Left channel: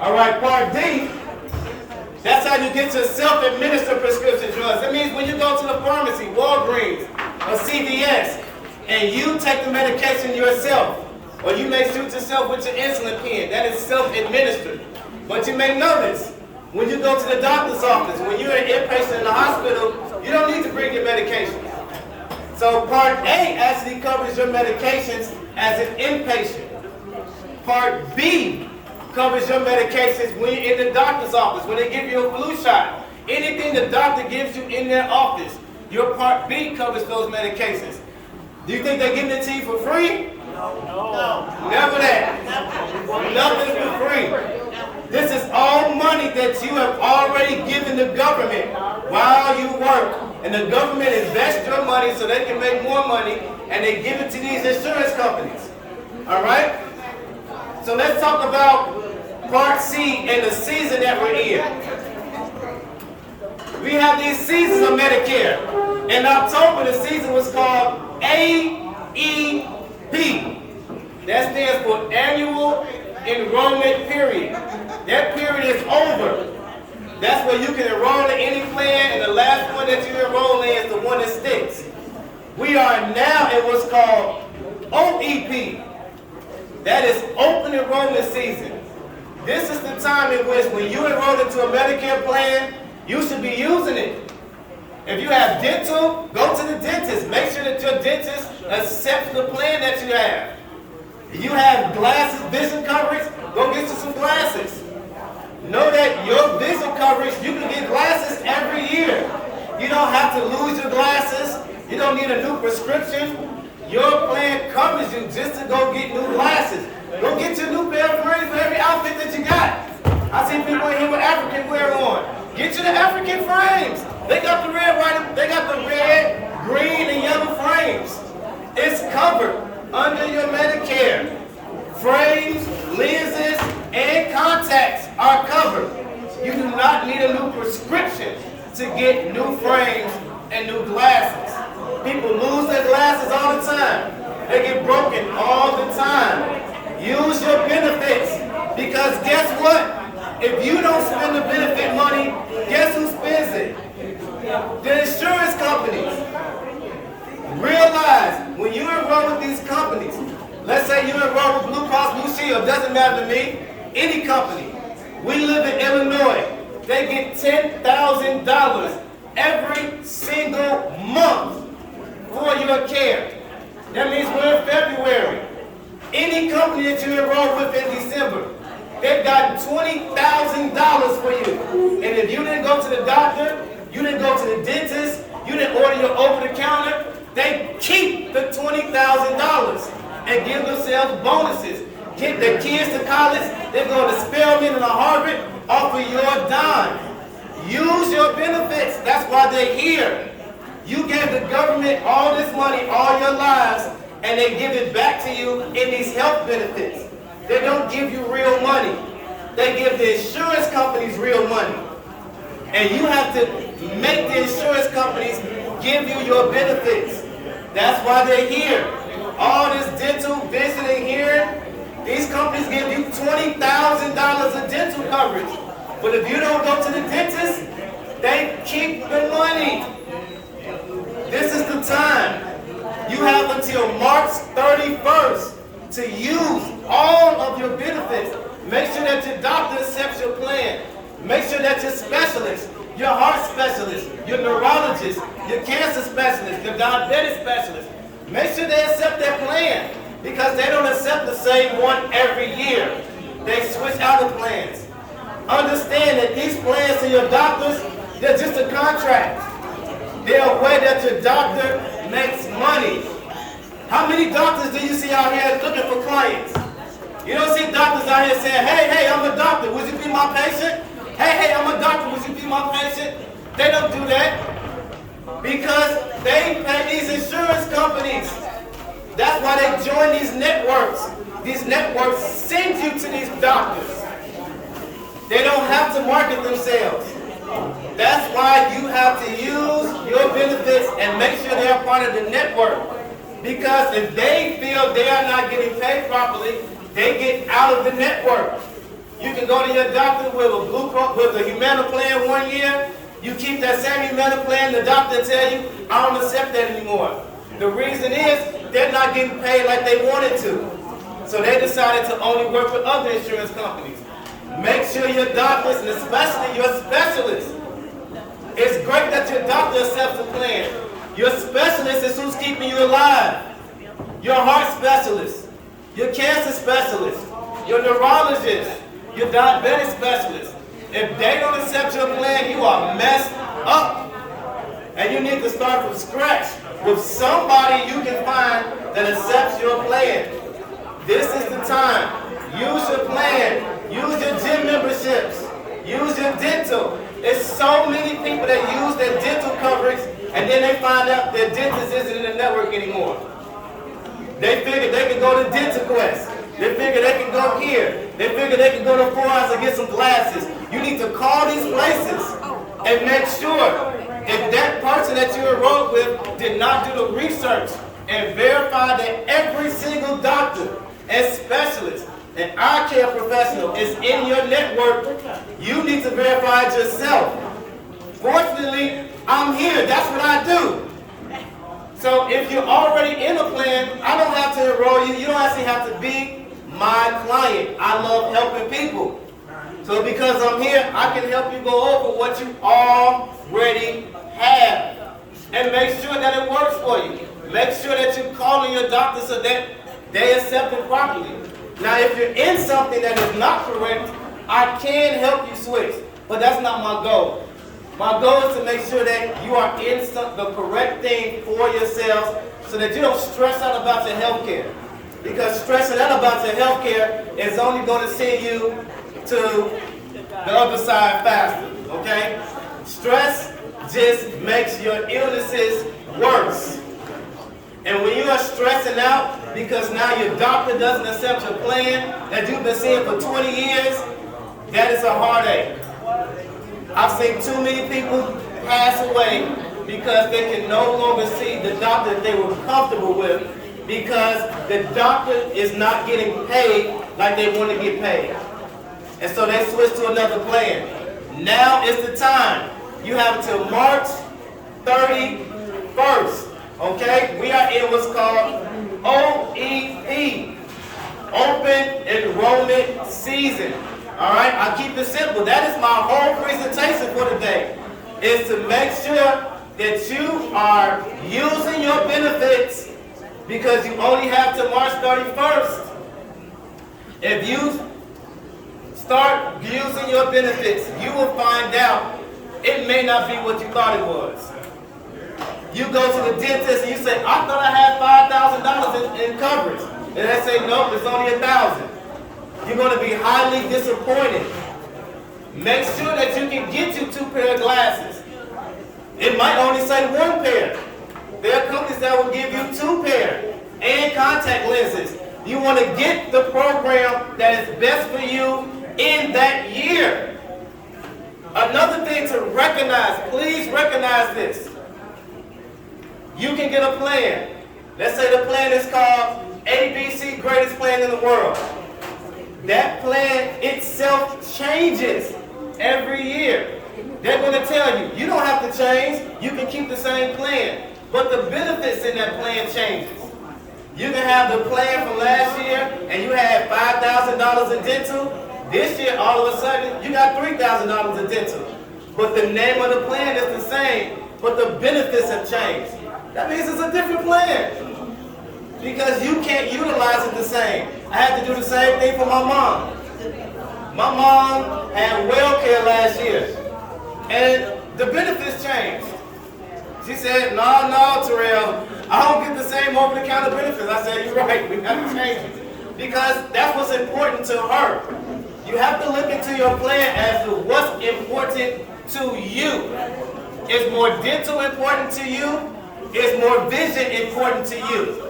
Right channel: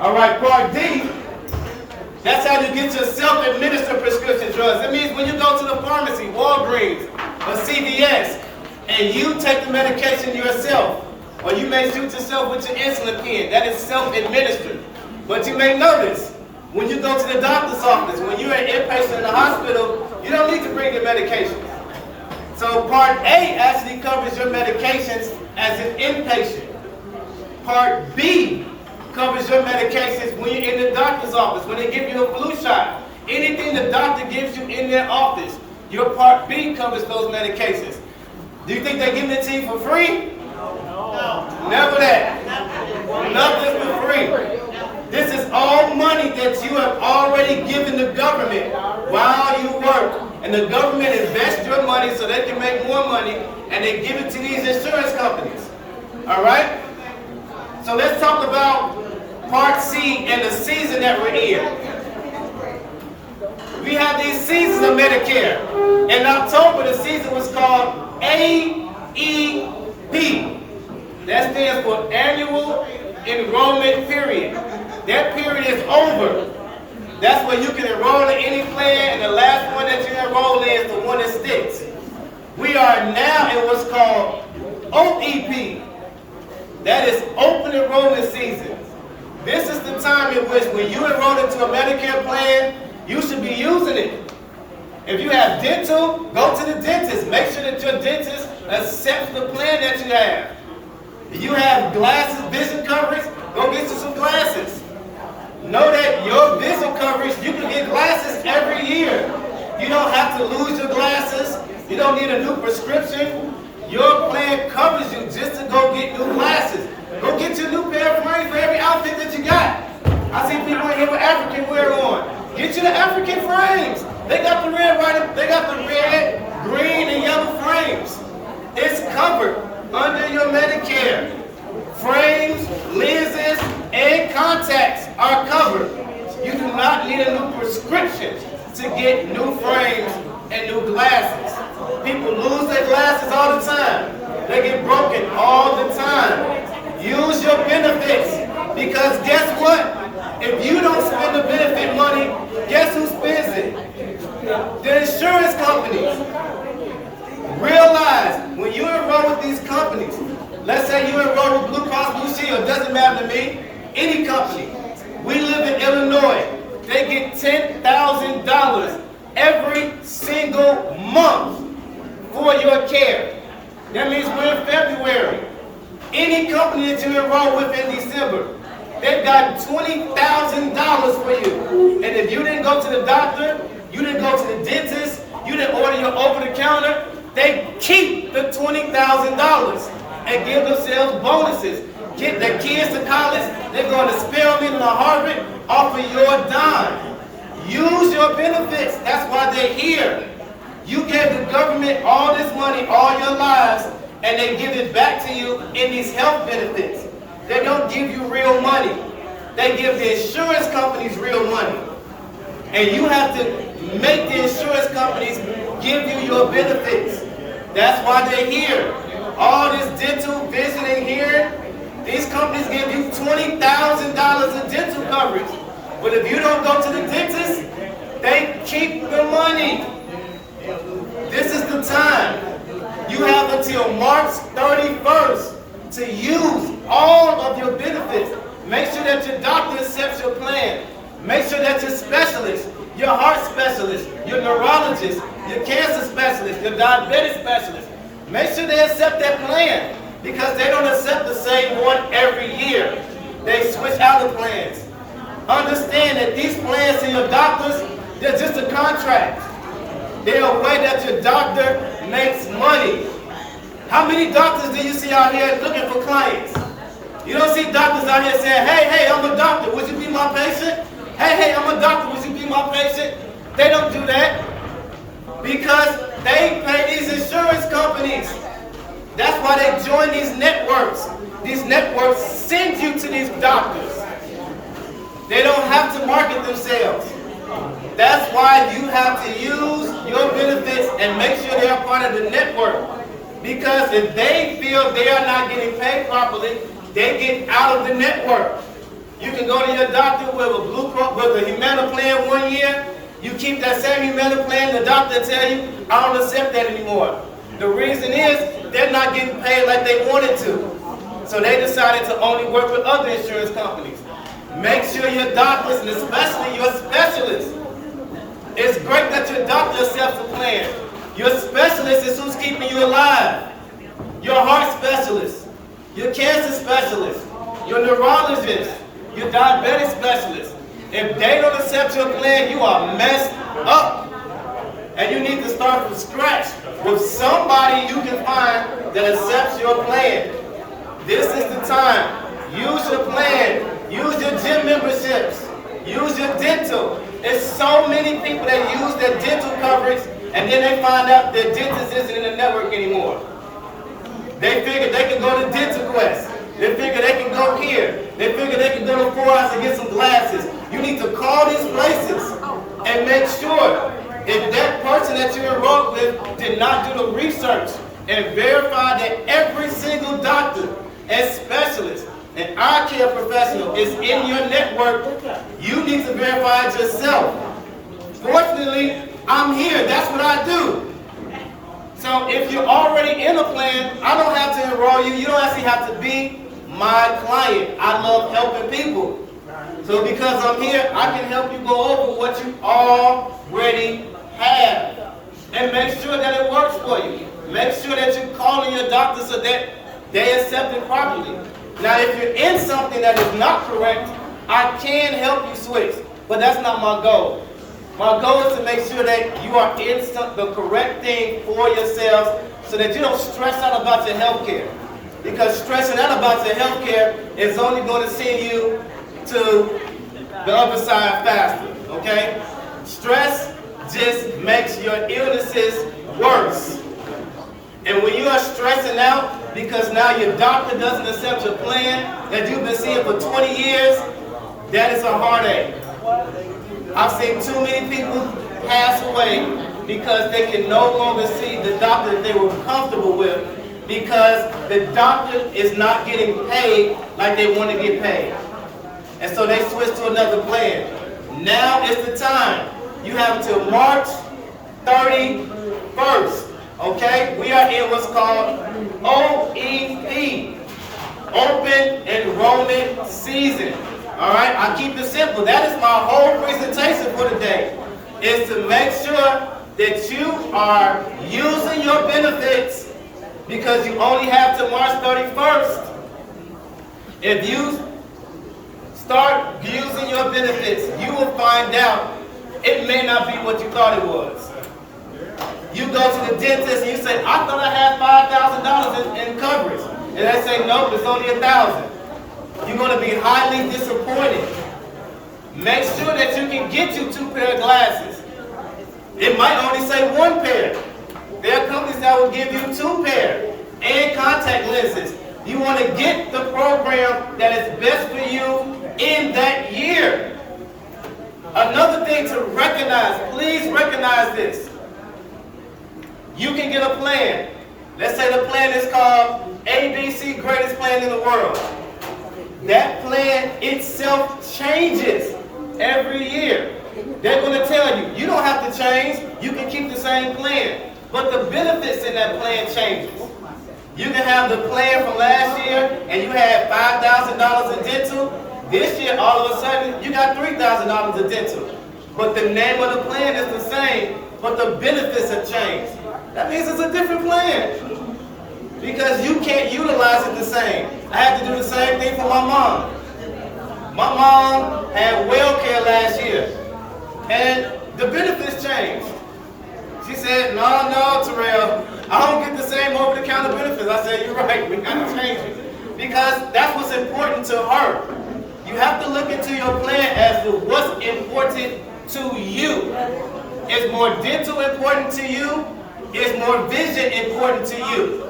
All right, Part D, that's how you get your self-administered prescription drugs. That means when you go to the pharmacy, Walgreens, or CVS, and you take the medication yourself, or you may shoot yourself with your insulin pen, that is self-administered. But you may notice, when you go to the doctor's office, when you're an inpatient in the hospital, you don't need to bring your medications. So Part A actually covers your medications as an inpatient. Part B covers your medications when you're in the doctor's office, when they give you a flu shot. Anything the doctor gives you in their office, your Part B covers those medications. Do you think they're giving it to you for free? No. Never that. Nothing for free. This is all money that you have already given the government while you work. And the government invests your money so they can make more money, and they give it to these insurance companies. All right? So let's talk about Part C and the season that we're in. We have these seasons of Medicare. In October, the season was called AEP. That stands for Annual Enrollment Period. That period is over. That's where you can enroll in any plan, and the last one that you enroll in is the one that sticks. We are now in what's called OEP. That is Open Enrollment Season. This is the time in which when you enroll into a Medicare plan, you should be using it. If you have dental, go to the dentist. Make sure that your dentist accepts the plan that you have. If you have glasses, vision coverage, go get you some glasses. Know that your vision coverage, you can get glasses every year. You don't have to lose your glasses. You don't need a new prescription. Your plan covers you just to go get new glasses. Go get your new pair of frames for every outfit that you got. I see people in here with African wear on. Get you the African frames. They got the red, white, they got the red, green, and yellow frames. It's covered under your Medicare. Frames, lenses, and contacts are covered. You do not need a new prescription to get new frames and new glasses. People lose their glasses all the time. They get broken all the time. Use your benefits, because guess what? If you don't spend the benefit money, guess who spends it? The insurance companies. Realize when you enroll with these companies, let's say you enroll with Blue Cross Blue Shield, doesn't matter to me, any company. We live in Illinois. They get $10,000 every single month for your care. That means we're in February. Any company that you enroll with in December, they've got $20,000 for you. And if you didn't go to the doctor, you didn't go to the dentist, you didn't order your over-the-counter, they keep the $20,000 and give themselves bonuses. Get their kids to college, they're going to Spelman and Harvard off of your dime. Use your benefits. That's why they're here. You gave the government all this money all your lives, and they give it back to you in these health benefits. They don't give you real money. They give the insurance companies real money. And you have to make the insurance companies give you your benefits. That's why they're here. All this dental, vision, and hearing, these companies give you $20,000 in dental coverage. But if you don't go to the dentist, they keep the money. This is the time. You have until March 31st to use all of your benefits. Make sure that your doctor accepts your plan. Make sure that your specialist, your heart specialist, your neurologist, your cancer specialist, your diabetes specialist, make sure they accept that plan, because they don't accept the same one every year. They switch out the plans. Understand that these plans to your doctors, they're just a contract. They're a way that your doctor makes money. How many doctors do you see out here looking for clients? You don't see doctors out here saying, hey, I'm a doctor, would you be my patient? Hey, I'm a doctor, would you be my patient? They don't do that because they pay these insurance companies. That's why they join these networks. These networks send you to these doctors. They don't have to market themselves. That's why you have to use your benefits and make sure they're part of the network. Because if they feel they are not getting paid properly, they get out of the network. You can go to your doctor with a Blue Cross, with a Humana plan 1 year. You keep that same Humana plan, the doctor tell you, I don't accept that anymore. The reason is they're not getting paid like they wanted to. So they decided to only work with other insurance companies. Make sure your doctors, and especially your specialists, it's great that your doctor accepts the plan. Your specialist is who's keeping you alive. Your heart specialist, your cancer specialist, your neurologist, your diabetic specialist. If they don't accept your plan, you are messed up. And you need to start from scratch with somebody you can find that accepts your plan. This is the time. Use your plan. Use your gym memberships. Use your dental. There's so many people that use their dental coverage and then they find out their dentist isn't in the network anymore. They figure they can go to Dental Quest. They figure they can go here. They figure they can go to 4 Hours and get some glasses. You need to call these places and make sure if that person that you enrolled with did not do the research and verify that every single doctor and specialist and eye care professional is in your network, you need to verify it yourself. Fortunately, I'm here. That's what I do. So if you're already in a plan, I don't have to enroll you. You don't actually have to be my client. I love helping people. So because I'm here, I can help you go over what you already have. And make sure that it works for you. Make sure that you're calling your doctor so that they accept it properly. Now, if you're in something that is not correct, I can help you switch. But that's not my goal. My goal is to make sure that you are in the correct thing for yourselves so that you don't stress out about your health care. Because stressing out about your health care is only going to send you to the other side faster, okay? Stress just makes your illnesses worse. And when you are stressing out because now your doctor doesn't accept your plan that you've been seeing for 20 years, that is a heartache. I've seen too many people pass away because they can no longer see the doctor that they were comfortable with because the doctor is not getting paid like they want to get paid. And so they switch to another plan. Now is the time. You have until March 31st. Okay? We are in what's called OEP, Open Enrollment Season. All right? I keep it simple. That is my whole presentation for today, is to make sure that you are using your benefits because you only have till March 31st. If you start using your benefits, you will find out it may not be what you thought it was. You go to the dentist and you say, I thought I had $5,000 in coverage. And they say, nope, it's only $1,000. You're going to be highly disappointed. Make sure that you can get you 2 pair of glasses. It might only say 1 pair. There are companies that will give you 2 pair and contact lenses. You want to get the program that is best for you in that year. Another thing to recognize, please recognize this. You can get a plan. Let's say the plan is called ABC, greatest plan in the world. That plan itself changes every year. They're going to tell you, you don't have to change. You can keep the same plan. But the benefits in that plan changes. You can have the plan from last year and you had $5,000 in dental. This year, all of a sudden, you got $3,000 in dental. But the name of the plan is the same, but the benefits have changed. That means it's a different plan. Because you can't utilize it the same. I had to do the same thing for my mom. My mom had well care last year. And the benefits changed. She said, no, Terrell, I don't get the same over-the-counter benefits. I said, you're right, we got to change it. Because that's what's important to her. You have to look into your plan as to what's important to you. Is more dental important to you? Is more vision important to you?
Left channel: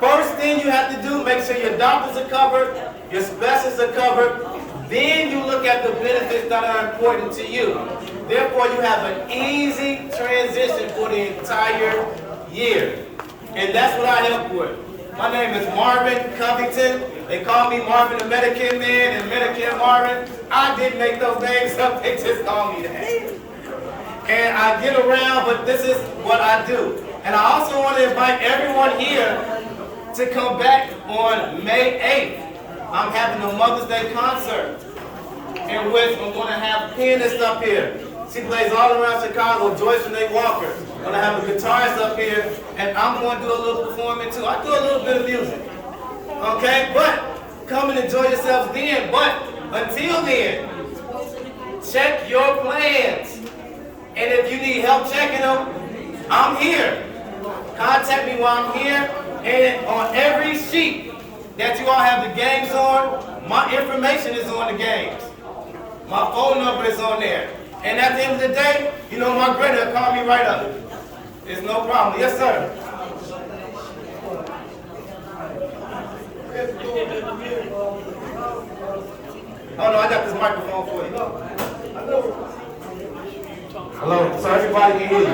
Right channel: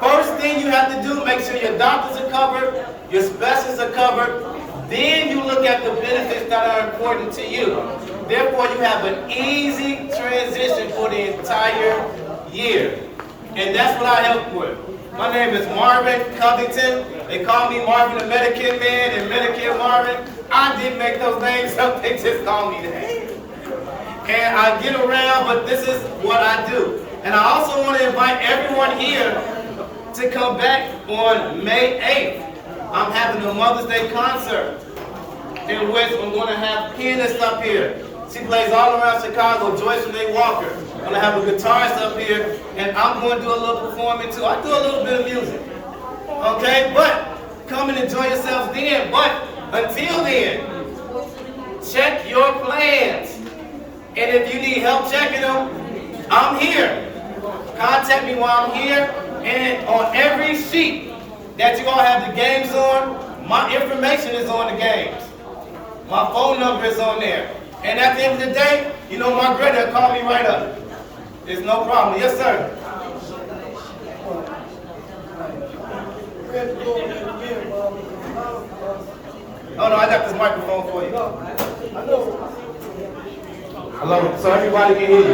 First thing you have to do, make sure your doctors are covered, your specialists are covered. Then you look at the benefits that are important to you. Therefore, you have an easy transition for the entire year. And that's what I help with. My name is Marvin Covington. They call me Marvin the Medicare Man and Medicare Marvin. I didn't make those names up, they just call me that. And I get around, but this is what I do. And I also want to invite everyone here to come back on May 8th. I'm having a Mother's Day concert in which I'm going to have pianists up here. She plays all around Chicago, Joyce Renee Walker. I'm going to have a guitarist up here, and I'm going to do a little performing too. I do a little bit of music. Okay, but come and enjoy yourselves then. But until then, check your plans. And if you need help checking them, I'm here. Contact me while I'm here. And on every sheet that you all have the games on, my information is on the games. My phone number is on there. And at the end of the day, you know my grader will call me right up. It's no problem. Yes, sir. Oh no, I got this microphone for you. Hello, so everybody can hear you.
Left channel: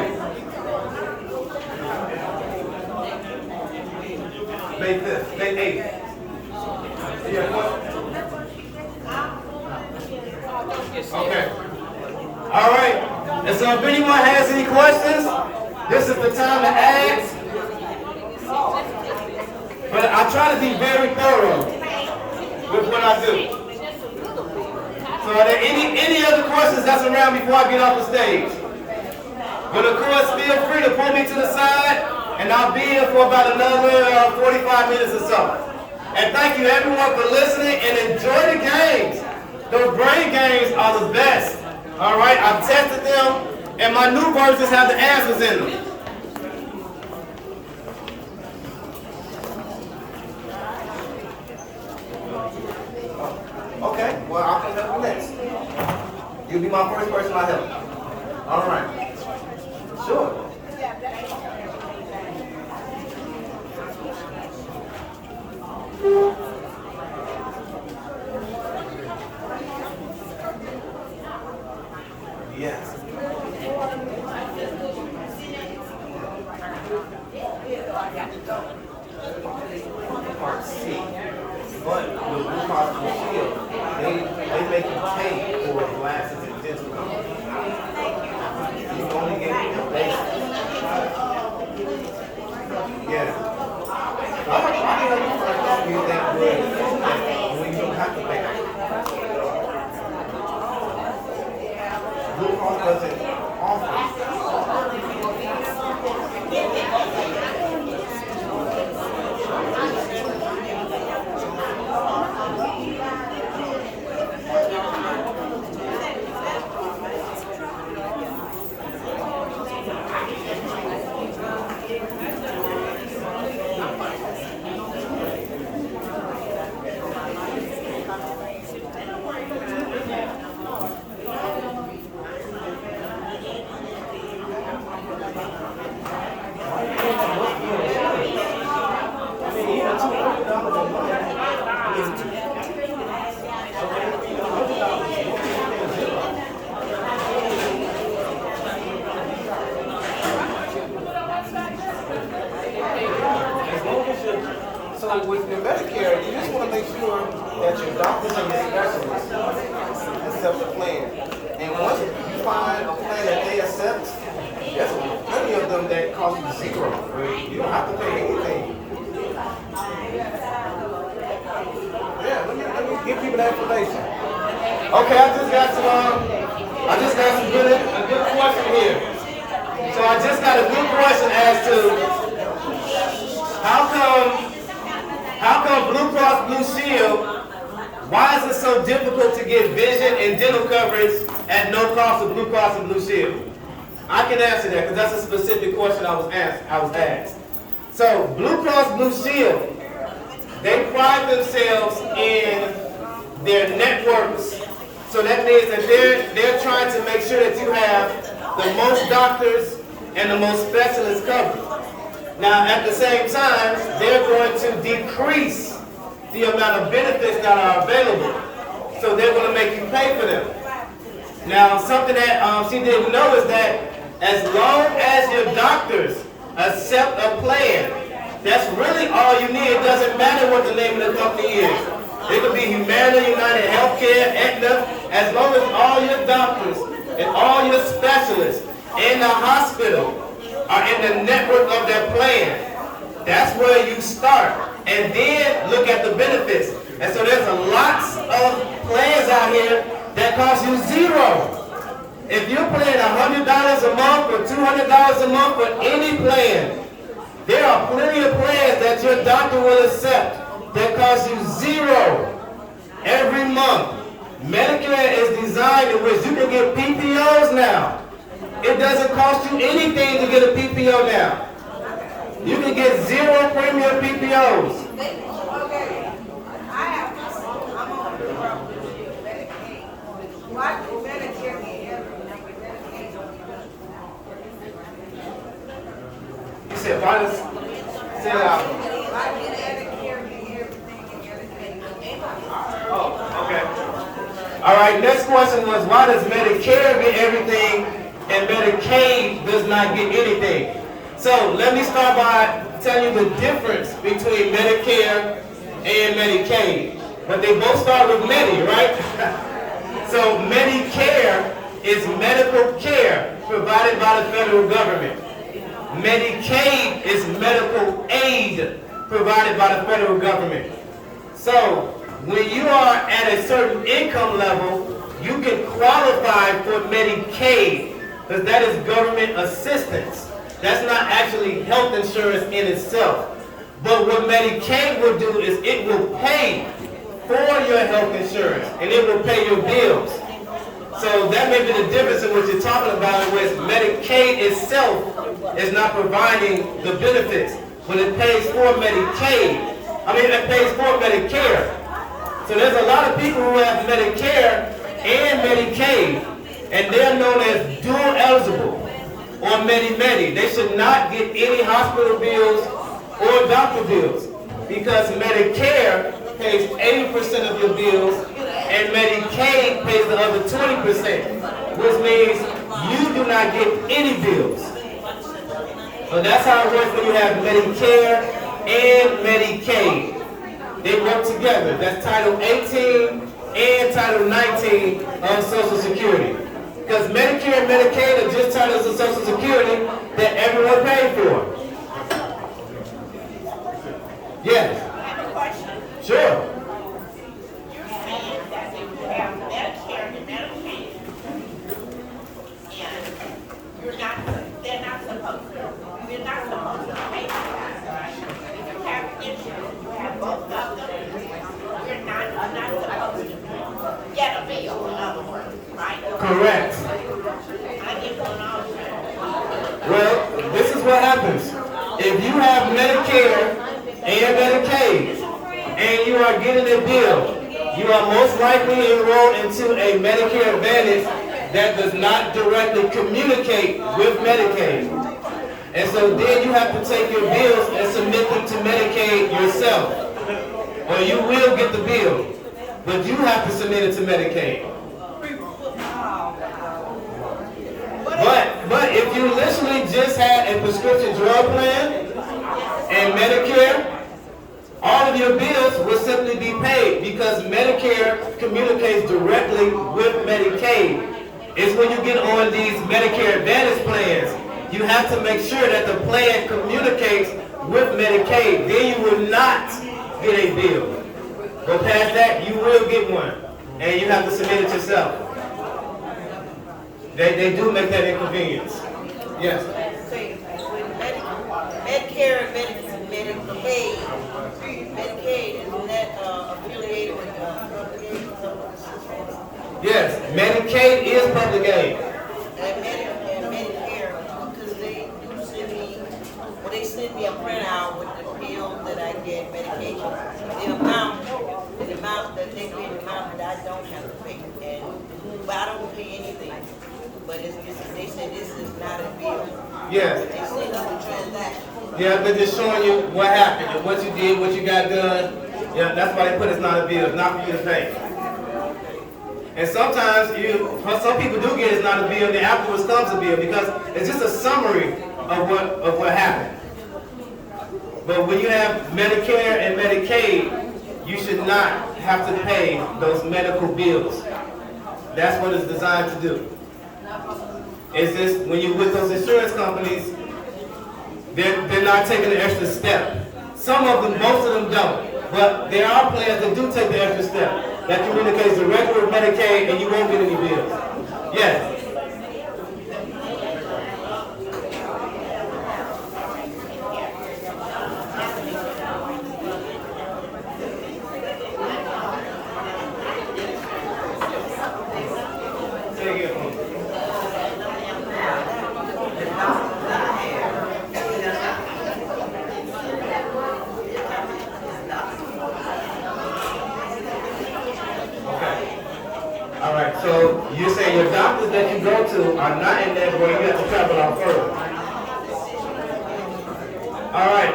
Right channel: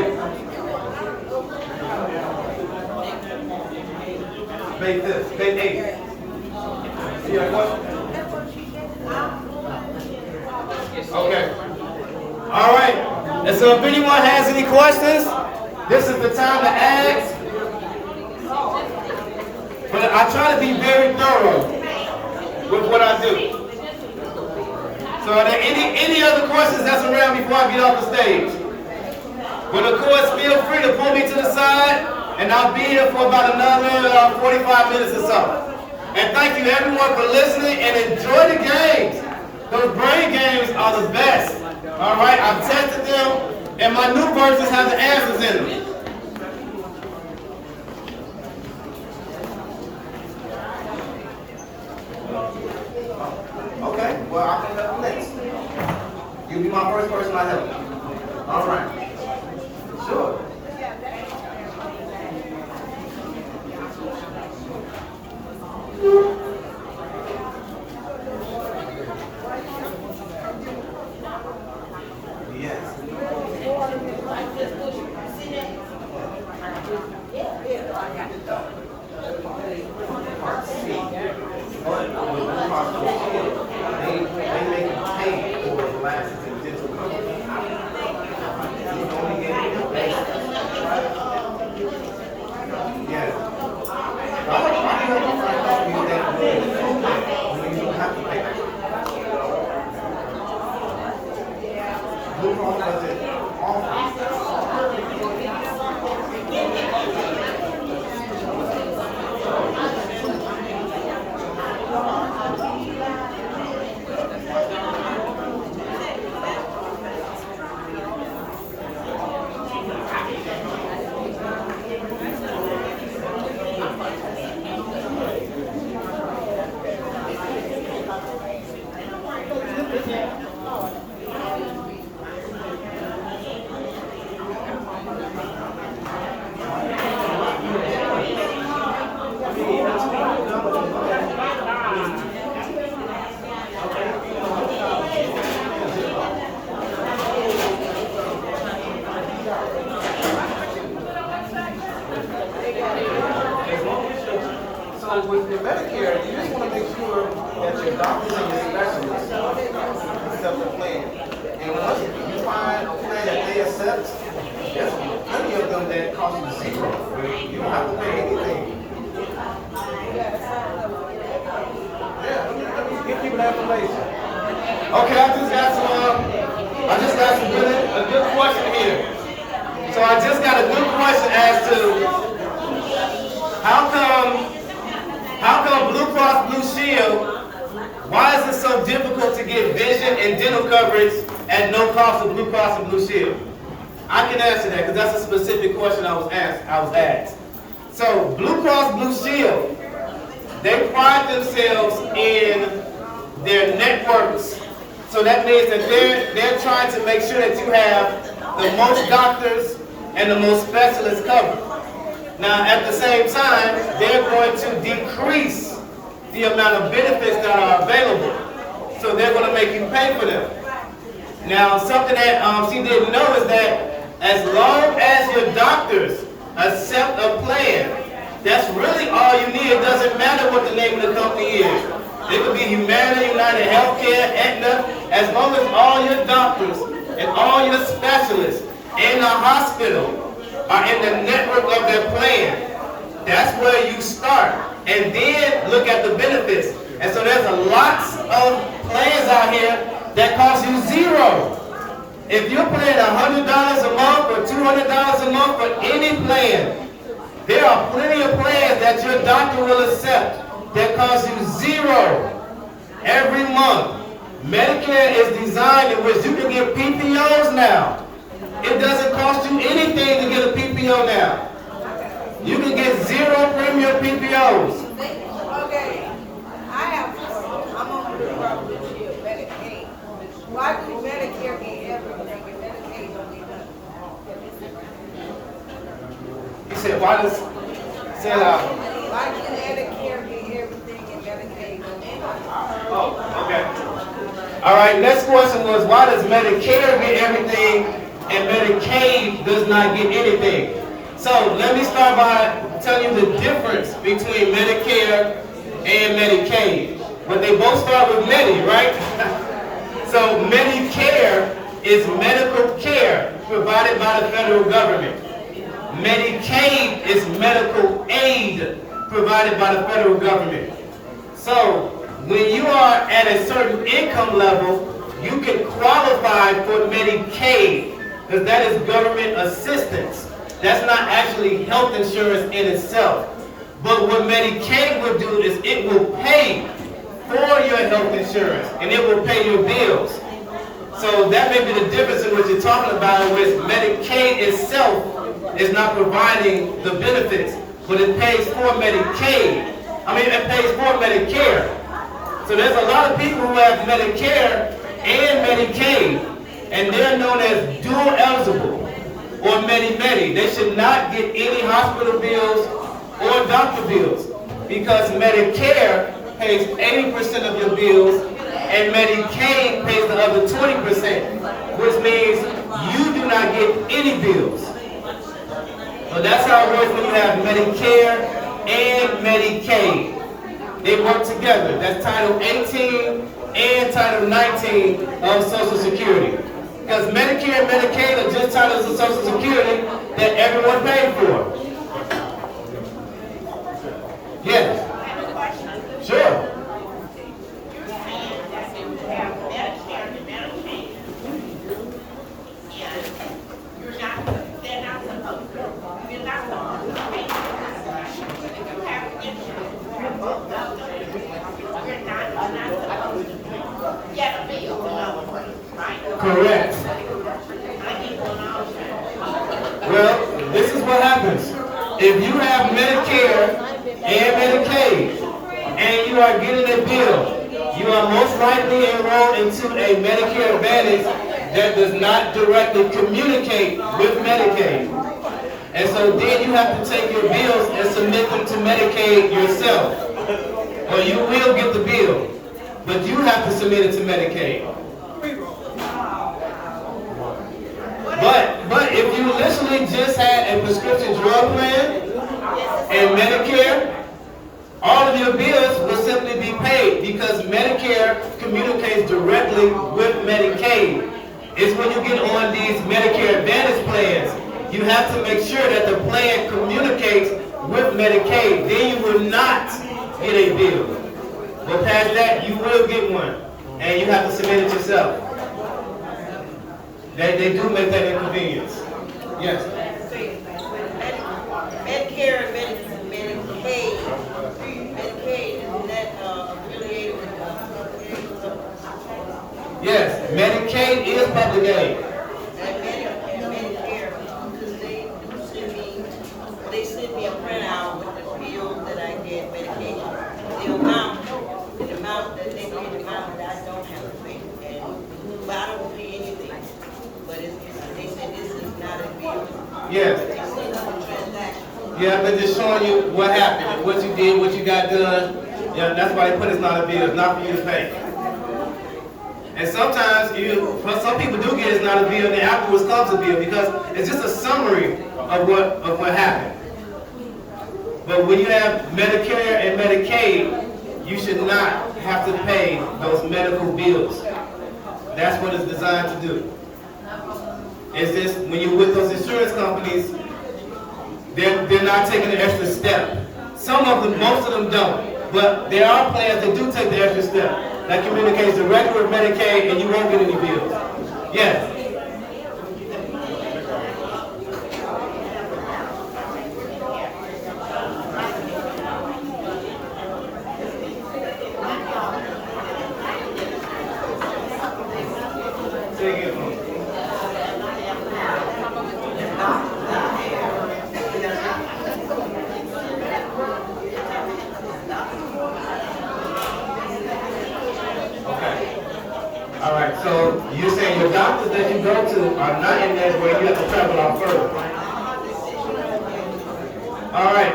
May 5th, May 8th. You got what? Okay. All right. And so if anyone has any questions, this is the time to ask. But I try to be very thorough with what I do. So are there any other questions that's around before I get off the stage? But of course, feel free to pull me to the side, and I'll be here for about another 45 minutes or so. And thank you everyone for listening, and enjoy the games. Those brain games are the best. All right, I've tested them, and my new versions have the answers in them. Okay, well, I can help you next. You'll be my first person I help. All right. Sure. Yes. Part C. But with Blue Cross Blue Shield, they make you pay for glasses and dental coverage. You can only get your basic. Yes. But I help you that way. You don't have to pay. Blue Cross doesn't offer. So with your Medicare, you just want to make sure that your doctors and your specialists accept the plan. And once you find a plan that they accept, there's plenty of them that cost you $0. You don't have to pay anything. Yeah, let me give people that information. Okay, I just got some a good question here. So I just got a good question as to how come Blue Cross Blue Shield, why is it so difficult to get vision and dental coverage at no cost of Blue Cross and Blue Shield? I can answer that because that's a specific question I was asked. So Blue Cross Blue Shield, they pride themselves in their networks. So that means that they're trying to make sure that you have the most doctors and the most specialists covered. Now, at the same time, they're going to decrease the amount of benefits that are available. So they're going to make you pay for them. Now, something that she didn't know is that as long as your doctors accept a plan That's really all you need. It doesn't matter what the name of the company is. It could be Humana, United Healthcare, Aetna, as long as all your doctors and all your specialists in the hospital are in the network of their plan. That's where you start. And then look at the benefits. And so there's a lots of plans out here that cost you zero. If you're paying $100 a month or $200 a month for any plan, there are plenty of plans that your doctor will accept that cost you zero every month. Medicare is designed in which you can get PPOs now. It doesn't cost you anything to get a PPO now. You can get zero premium PPOs. Okay, I'm on Medicaid. Why would Medicare be everything with Medicaid? He said, why does, say it loud. Why would Medicare be everything in Medicaid? Oh, okay. All right, next question was, why does Medicare get everything and Medicaid does not get anything? So let me start by telling you the difference between Medicare and Medicaid. But they both start with Medi, right? So Medicare is medical care provided by the federal government. Medicaid is medical aid provided by the federal government. So when you are at a certain income level, you can qualify for Medicaid because that is government assistance. That's not actually health insurance in itself. But what Medicaid will do is it will pay for your health insurance and it will pay your bills. So that may be the difference in what you're talking about, with Medicaid itself is not providing the benefits, but it pays for Medicaid. It pays for Medicare. So there's a lot of people who have Medicare and Medicaid, and they're known as dual eligible or Medi-Medi. They should not get any hospital bills or doctor bills because Medicare pays 80% of your bills and Medicaid pays the other 20%, which means you do not get any bills. So that's how it works when you have Medicare and Medicaid. They work together. That's Title 18 and Title 19 of Social Security. Because Medicare and Medicaid are just titles of Social Security that everyone paid for. Yes. I have a question. Sure. You're saying that if you have Medicare and Medicaid, they're not supposed to, we're not supposed to pay for that, right? If you have insurance, you have both of them, we're not supposed to get a bill, in other words, right? Correct. I need to know. Well, this is what happens. If you have Medicare and Medicaid, and you are getting a bill, you are most likely enrolled into a Medicare Advantage that does not directly communicate with Medicaid. And so then you have to take your bills and submit them to Medicaid yourself. Or you will get the bill, but you have to submit it to Medicaid. But if you literally just had a prescription drug plan and Medicare, all of your bills will simply be paid because Medicare communicates directly with Medicaid. It's when you get on these Medicare Advantage plans, you have to make sure that the plan communicates with Medicaid. Then you will not get a bill. But past that, you will get one, and you have to submit it yourself. They do make that inconvenience. Yes. Medicare and Medicaid, is that affiliated with Yes, Medicaid is public aid. and Medicare, they do send me, well, they send me a printout with the pills that I get, medication. The amount that they pay, the amount that I don't have to pay, but I don't pay anything. But they say this is not a bill. Yes. They say it's a transaction. Yeah, I've been just showing you what happened and what you did, what you got done. Yeah, that's why they put it's not a bill. It's not for you to pay. And sometimes some people do get it's not a bill, and then afterwards comes a bill because it's just a summary of what happened. But when you have Medicare and Medicaid, you should not have to pay those medical bills. That's what it's designed to do. Is this, when you're with those insurance companies, they're not taking the extra step. Some of them, most of them don't. But there are plans that do take the extra step. That communicates the regular Medicaid and you won't get any bills. Yes. Say again for me. Okay. All right, so you're saying your doctors that you go to are not in that way, you have to travel out further. All right.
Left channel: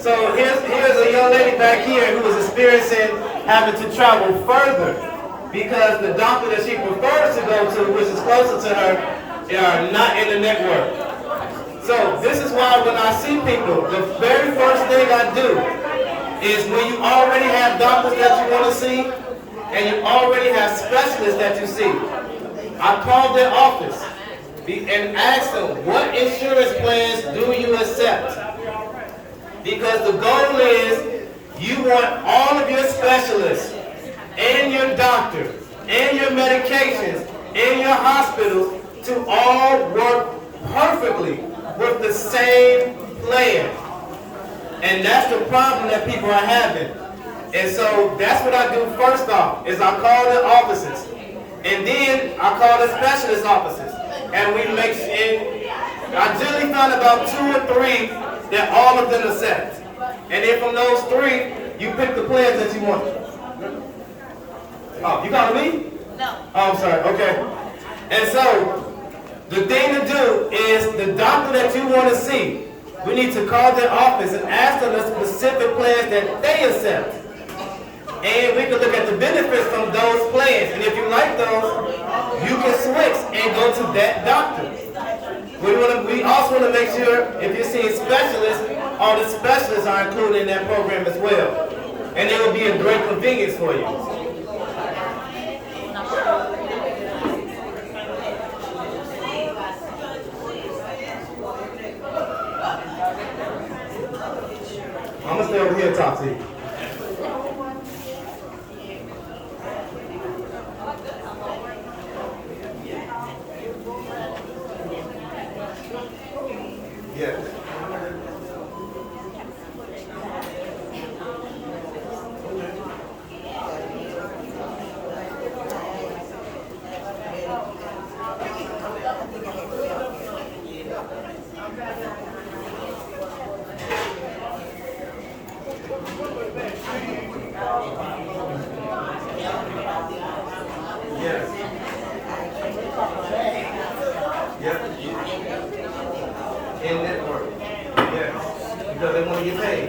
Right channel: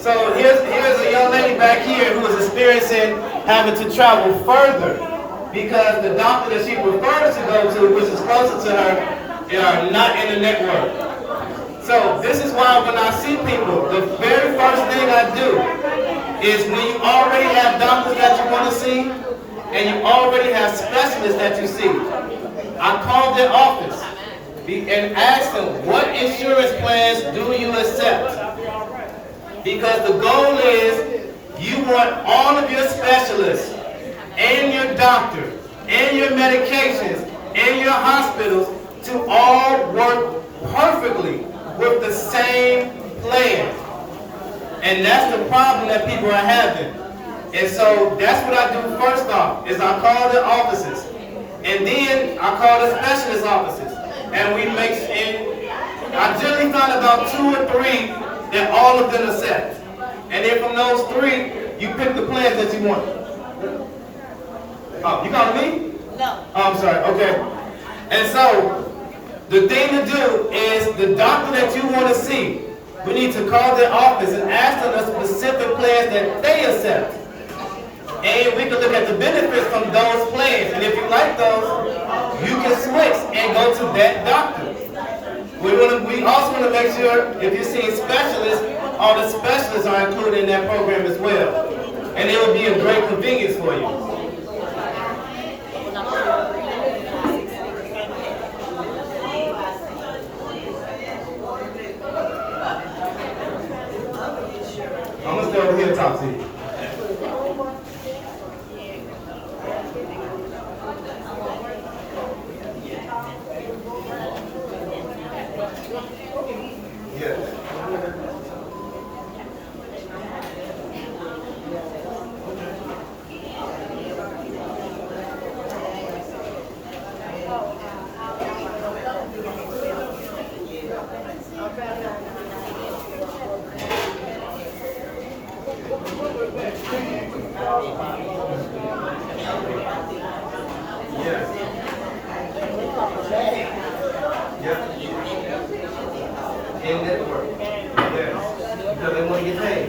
So here's a young lady back here who is experiencing having to travel further because the doctor that she prefers to go to, which is closer to her, are not in the network. So this is why when I see people, the very first thing I do is when you already have doctors that you want to see and you already have specialists that you see, I call their office and ask them, what insurance plans do you accept? Because the goal is you want all of your specialists and your doctors and your medications and your hospitals to all work perfectly with the same plan. And that's the problem that people are having. And so that's what I do first off, is I call the offices. And then I call the specialist offices. And we make, and I generally find about 2 or 3 that all of them accept. And then from those 3, you pick the plans that you want. Oh, you got me? No. Oh, I'm sorry, okay. And so, the thing to do is the doctor that you want to see, we need to call their office and ask them the specific plans that they accept. And we can look at the benefits from those plans. And if you like those, you can switch and go to that doctor. We also want to make sure if you're seeing specialists, all the specialists are included in that program as well. And it will be a great convenience for you. I'm gonna stay over here and talk to you. Yes. Yes. Yep. In network. Yes. Because they want to get paid.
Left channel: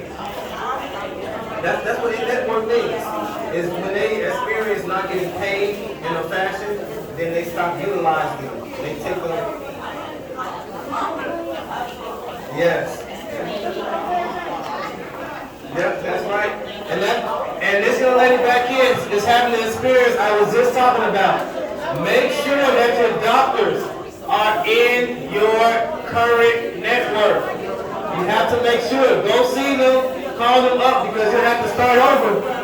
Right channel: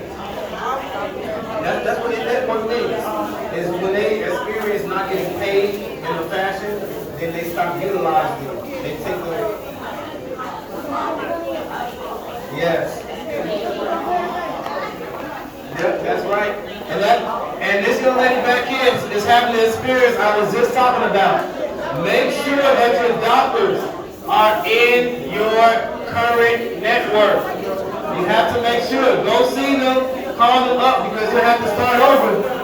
That's what in network means. Is when they experience not getting paid in a fashion, then they stop utilizing them. They take them. Yes. Yep, that's right. And this young lady back here is having the experience I was just talking about. Make sure that your doctors are in your current network. You have to make sure. Go see them, call them up because you have to start over.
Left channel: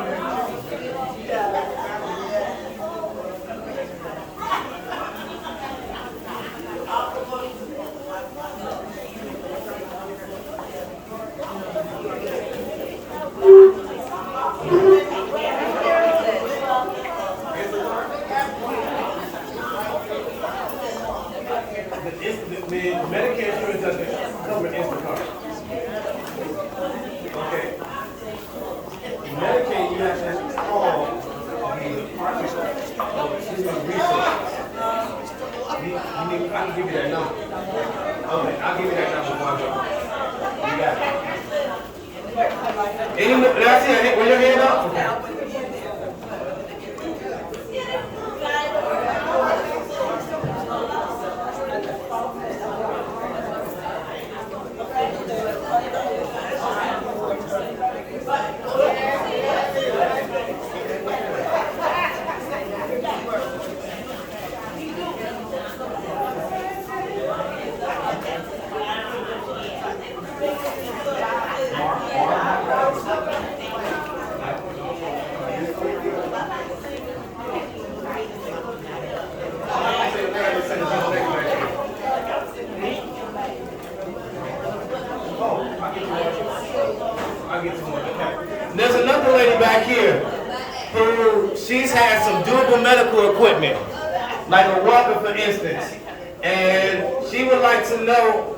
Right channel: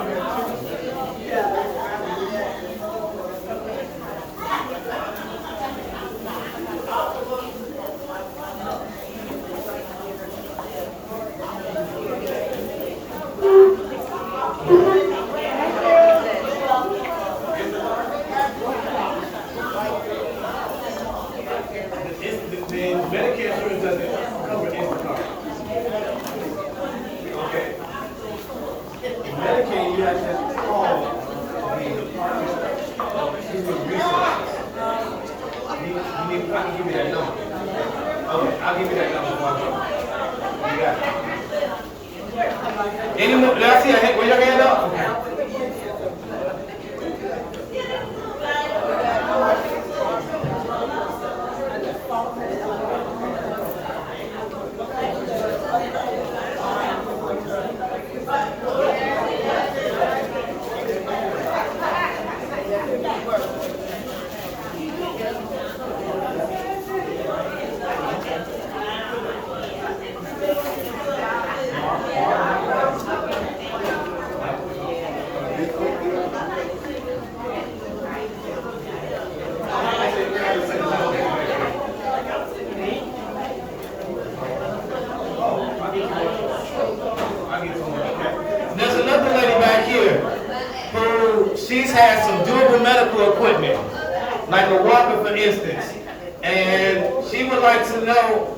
Medicare insurance doesn't cover Instacart. Okay. Medicaid, you have to call the Department of Human Resources. I can give you that number. Okay, I'll give you that number before I go. You got it. Any more? That's it. With your hand up? Okay. medical equipment, like a walker for instance. And she would like to know,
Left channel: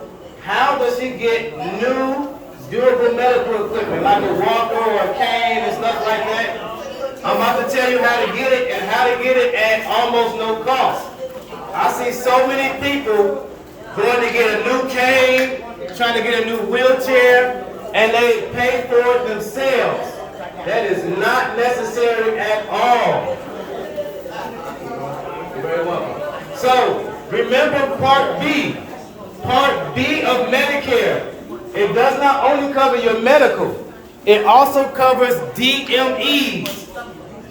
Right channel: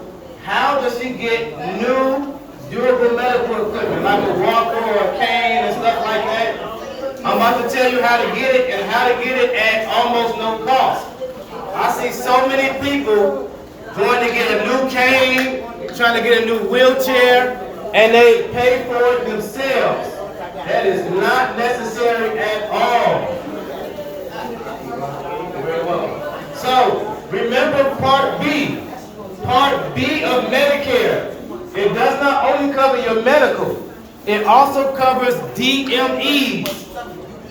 how does she get new durable medical equipment, like a walker or a cane and stuff like that? I'm about to tell you how to get it and how to get it at almost no cost. I see so many people going to get a new cane, trying to get a new wheelchair, and they pay for it themselves. That is not necessary at all. You're very welcome. So, remember Part B. Part B of Medicare. It does not only cover your medical, it also covers DMEs.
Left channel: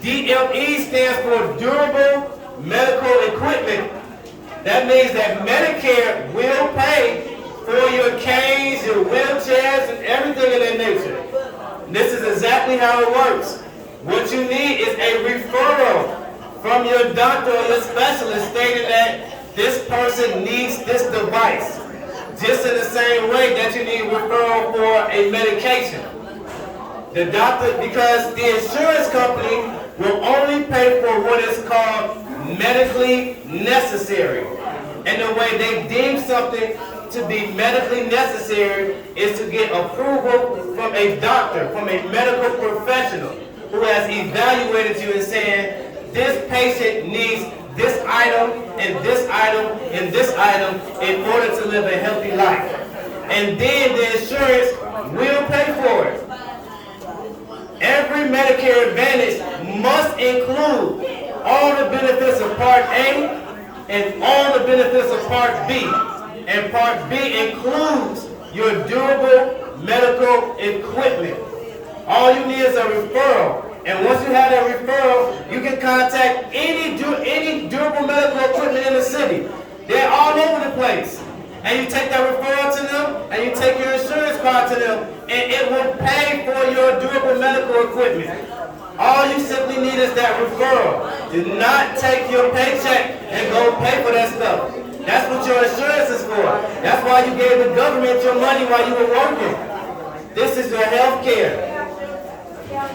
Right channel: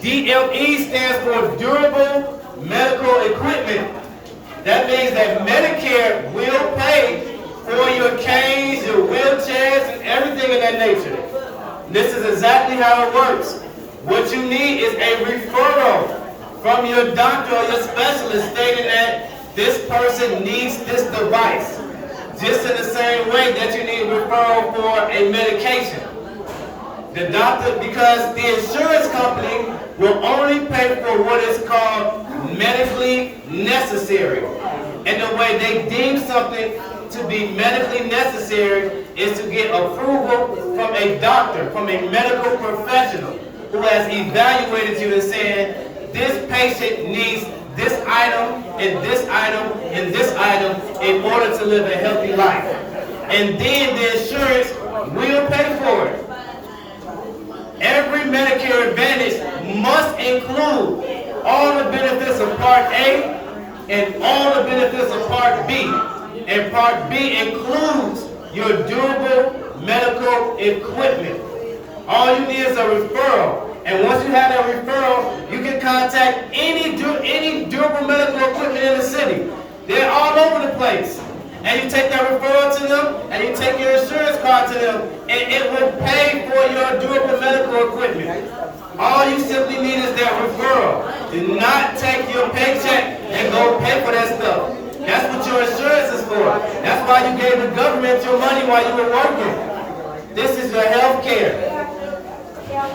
DME stands for Durable Medical Equipment. That means that Medicare will pay for your canes, your wheelchairs, and everything of that nature. This is exactly how it works. What you need is a referral from your doctor or your specialist stating that this person needs this device. Just in the same way that you need a referral for a medication. The doctor, because the insurance company will only pay for what is called medically necessary. And the way they deem something to be medically necessary is to get approval from a doctor, from a medical professional who has evaluated you and saying, this patient needs this item and this item and this item in order to live a healthy life. And then the insurance will pay for it. Every Medicare Advantage must include all the benefits of Part A and all the benefits of Part B. And Part B includes your durable medical equipment. All you need is a referral. And once you have that referral, you can contact any durable medical equipment in the city. They're all over the place. And you take that referral to them, and you take your insurance card to them, and it will pay for your durable medical equipment. All you simply need is that referral. Do not take your paycheck and go pay for that stuff. That's what your insurance is for. That's why you gave the government your money while you were working. This is your health care.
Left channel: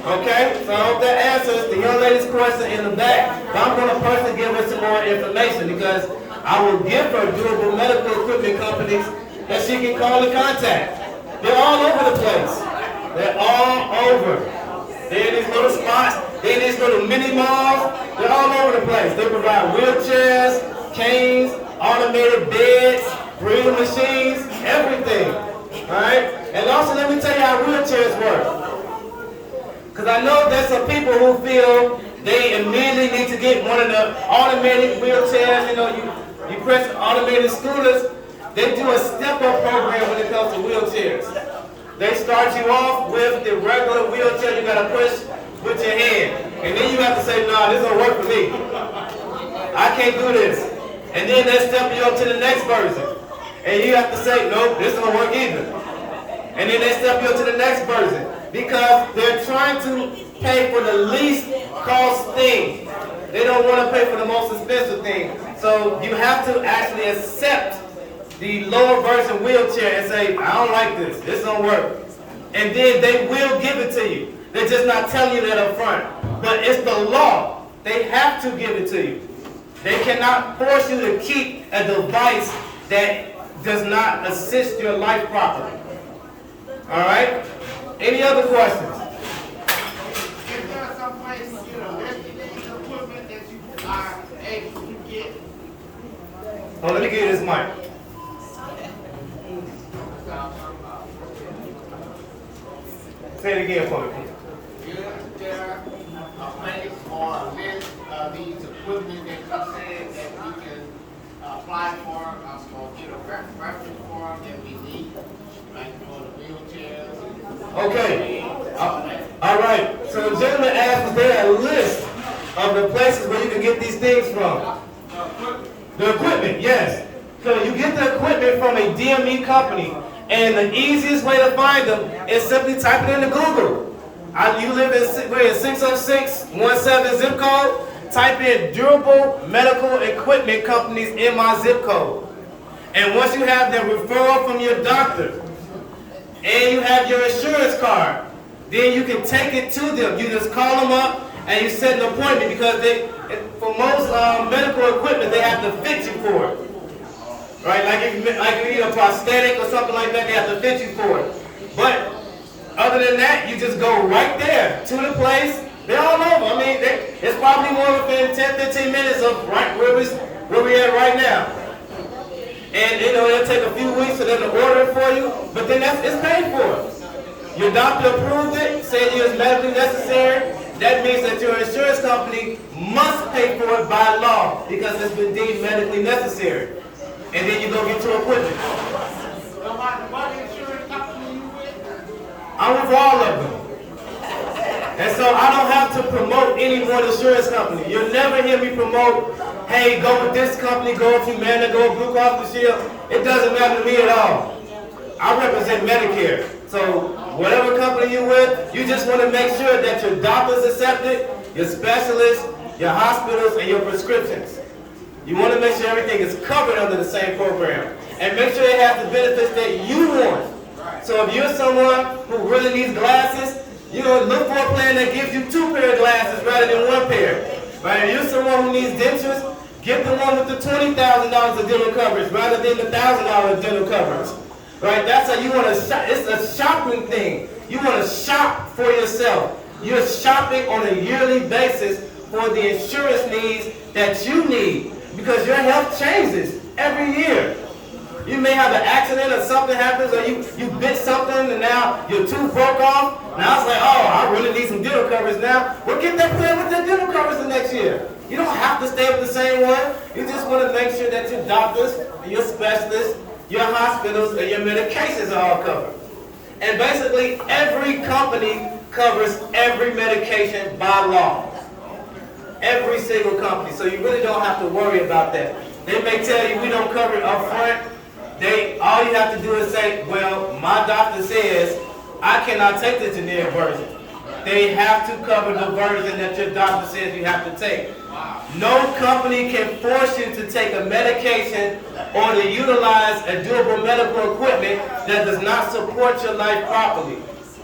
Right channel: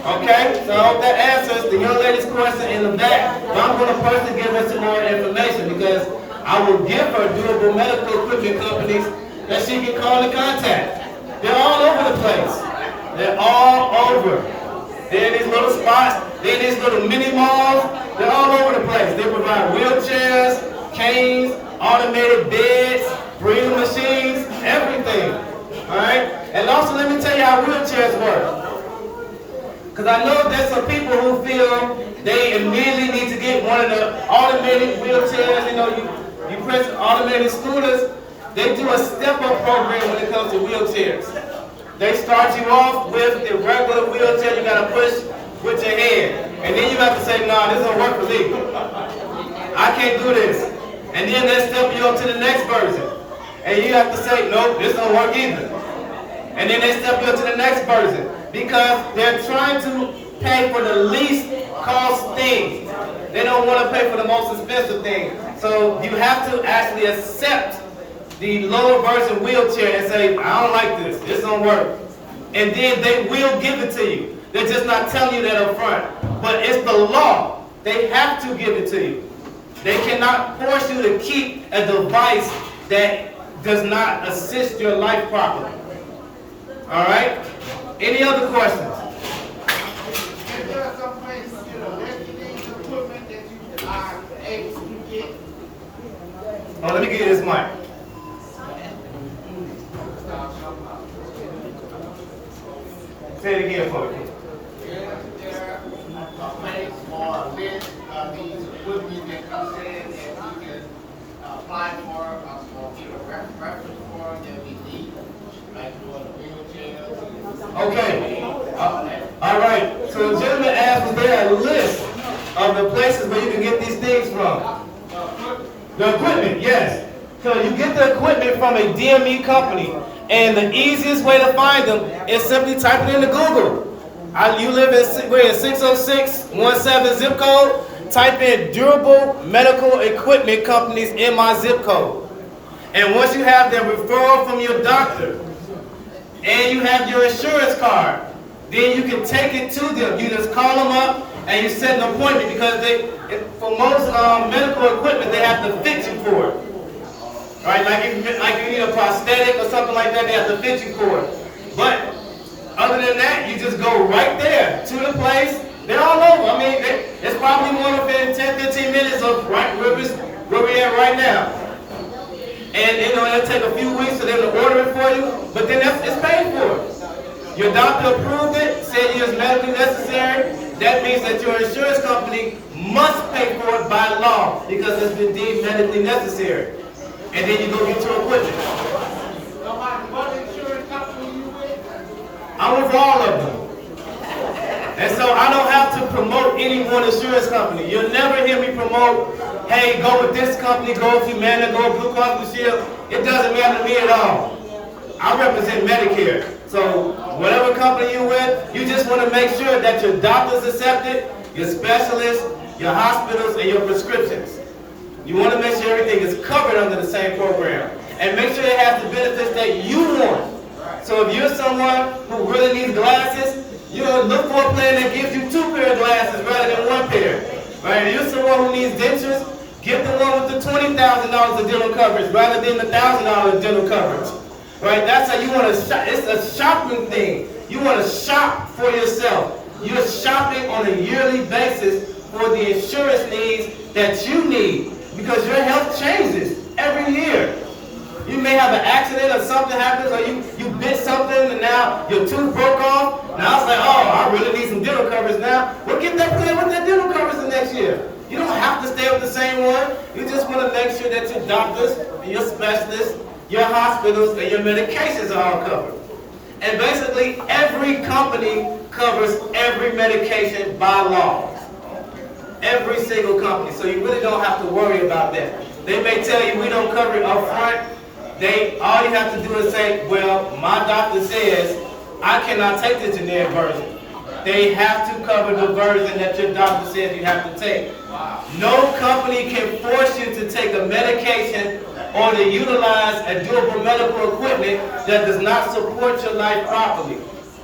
Okay? So I hope that answers the young lady's question in the back. But I'm going to personally give her some more information because I will give her durable medical equipment companies that she can call and contact. They're all over the place. They're all over. They're in these little spots. They're in these little mini malls. They're all over the place. They provide wheelchairs, canes, automated beds, breathing machines, everything. All right? And also, let me tell you how wheelchairs work. Because I know there's some people who feel they immediately need to get one of the automated wheelchairs. You know, you press automated scooters. They do a step-up program when it comes to wheelchairs. They start you off with the regular wheelchair you got to push with your hand. And then you have to say, no, this don't work for me. I can't do this. And then they step you up to the next version. And you have to say, nope, this don't work either. And then they step you up to the next version. Because they're trying to pay for the least cost thing. They don't want to pay for the most expensive thing. So you have to actually accept the lower version wheelchair and say, I don't like this, this don't work. And then they will give it to you. They're just not telling you that up front. But it's the law. They have to give it to you. They cannot force you to keep a device that does not assist your life properly. All right? Any other questions? Is there some place to get electric equipment that you are able to get? Oh, let me give you this mic. Say it again for me. Is there a place or a list of these equipment that you said that we can apply for or get a reference for that we need, like for the wheelchairs? Okay. All right. So the gentleman asked, was there a list of the places where you can get these things from? The equipment, yes. So you get the equipment from a DME company, and the easiest way to find them is simply type it into Google. You live in 60617 zip code. Type in durable medical equipment companies in my zip code. And once you have the referral from your doctor, and you have your insurance card, then you can take it to them. You just call them up and you set an appointment because For most medical equipment, they have to fit you for it. Right? Like if you need a prosthetic or something like that, they have to fit you for it. But other than that, you just go right there to the place. They're all over. I mean, it's probably more within 10, 15 minutes of right where we're at right now. And you know, it'll take a few weeks for them to order it for you, but then it's paid for. Your doctor approved it, said it was medically necessary. That means that your insurance company must pay for it by law because it's been deemed medically necessary. And then you go get your equipment. No matter what insurance company you with? I'm with all of them. And so I don't have to promote any one insurance company. You'll never hear me promote, hey, go with this company, go with Humana, go with Blue Cross Blue Shield. It doesn't matter to me at all. I represent Medicare. So whatever company you're with, you just want to make sure that your doctors accept it, your specialists, your hospitals, and your prescriptions. You want to make sure everything is covered under the same program. And make sure it has the benefits that you want. So if you're someone who really needs glasses, you know, look for a plan that gives you 2 pairs of glasses rather than 1 pair. Right? If you're someone who needs dentures, get the one with the $20,000 of dental coverage rather than the $1,000 of dental coverage. Right? That's how you want to shop. It's a shopping thing. You want to shop for yourself. You're shopping on a yearly basis for the insurance needs that you need because your health changes every year. You may have an accident or something happens or you bit something and now your tooth broke off. Now it's like, oh, I really need some dental coverage now. Well, get that plan with that dental coverage the next year. You don't have to stay with the same one. You just want to make sure that your doctors and your specialists, your hospitals, and your medications are all covered. And basically, every company covers every medication by law. Every single company. So you really don't have to worry about that. They may tell you we don't cover it up front. All you have to do is say, well, my doctor says I cannot take the generic version. They have to cover the version that your doctor says you have to take. No company can force you to take a medication or to utilize a durable medical equipment that does not support your life properly.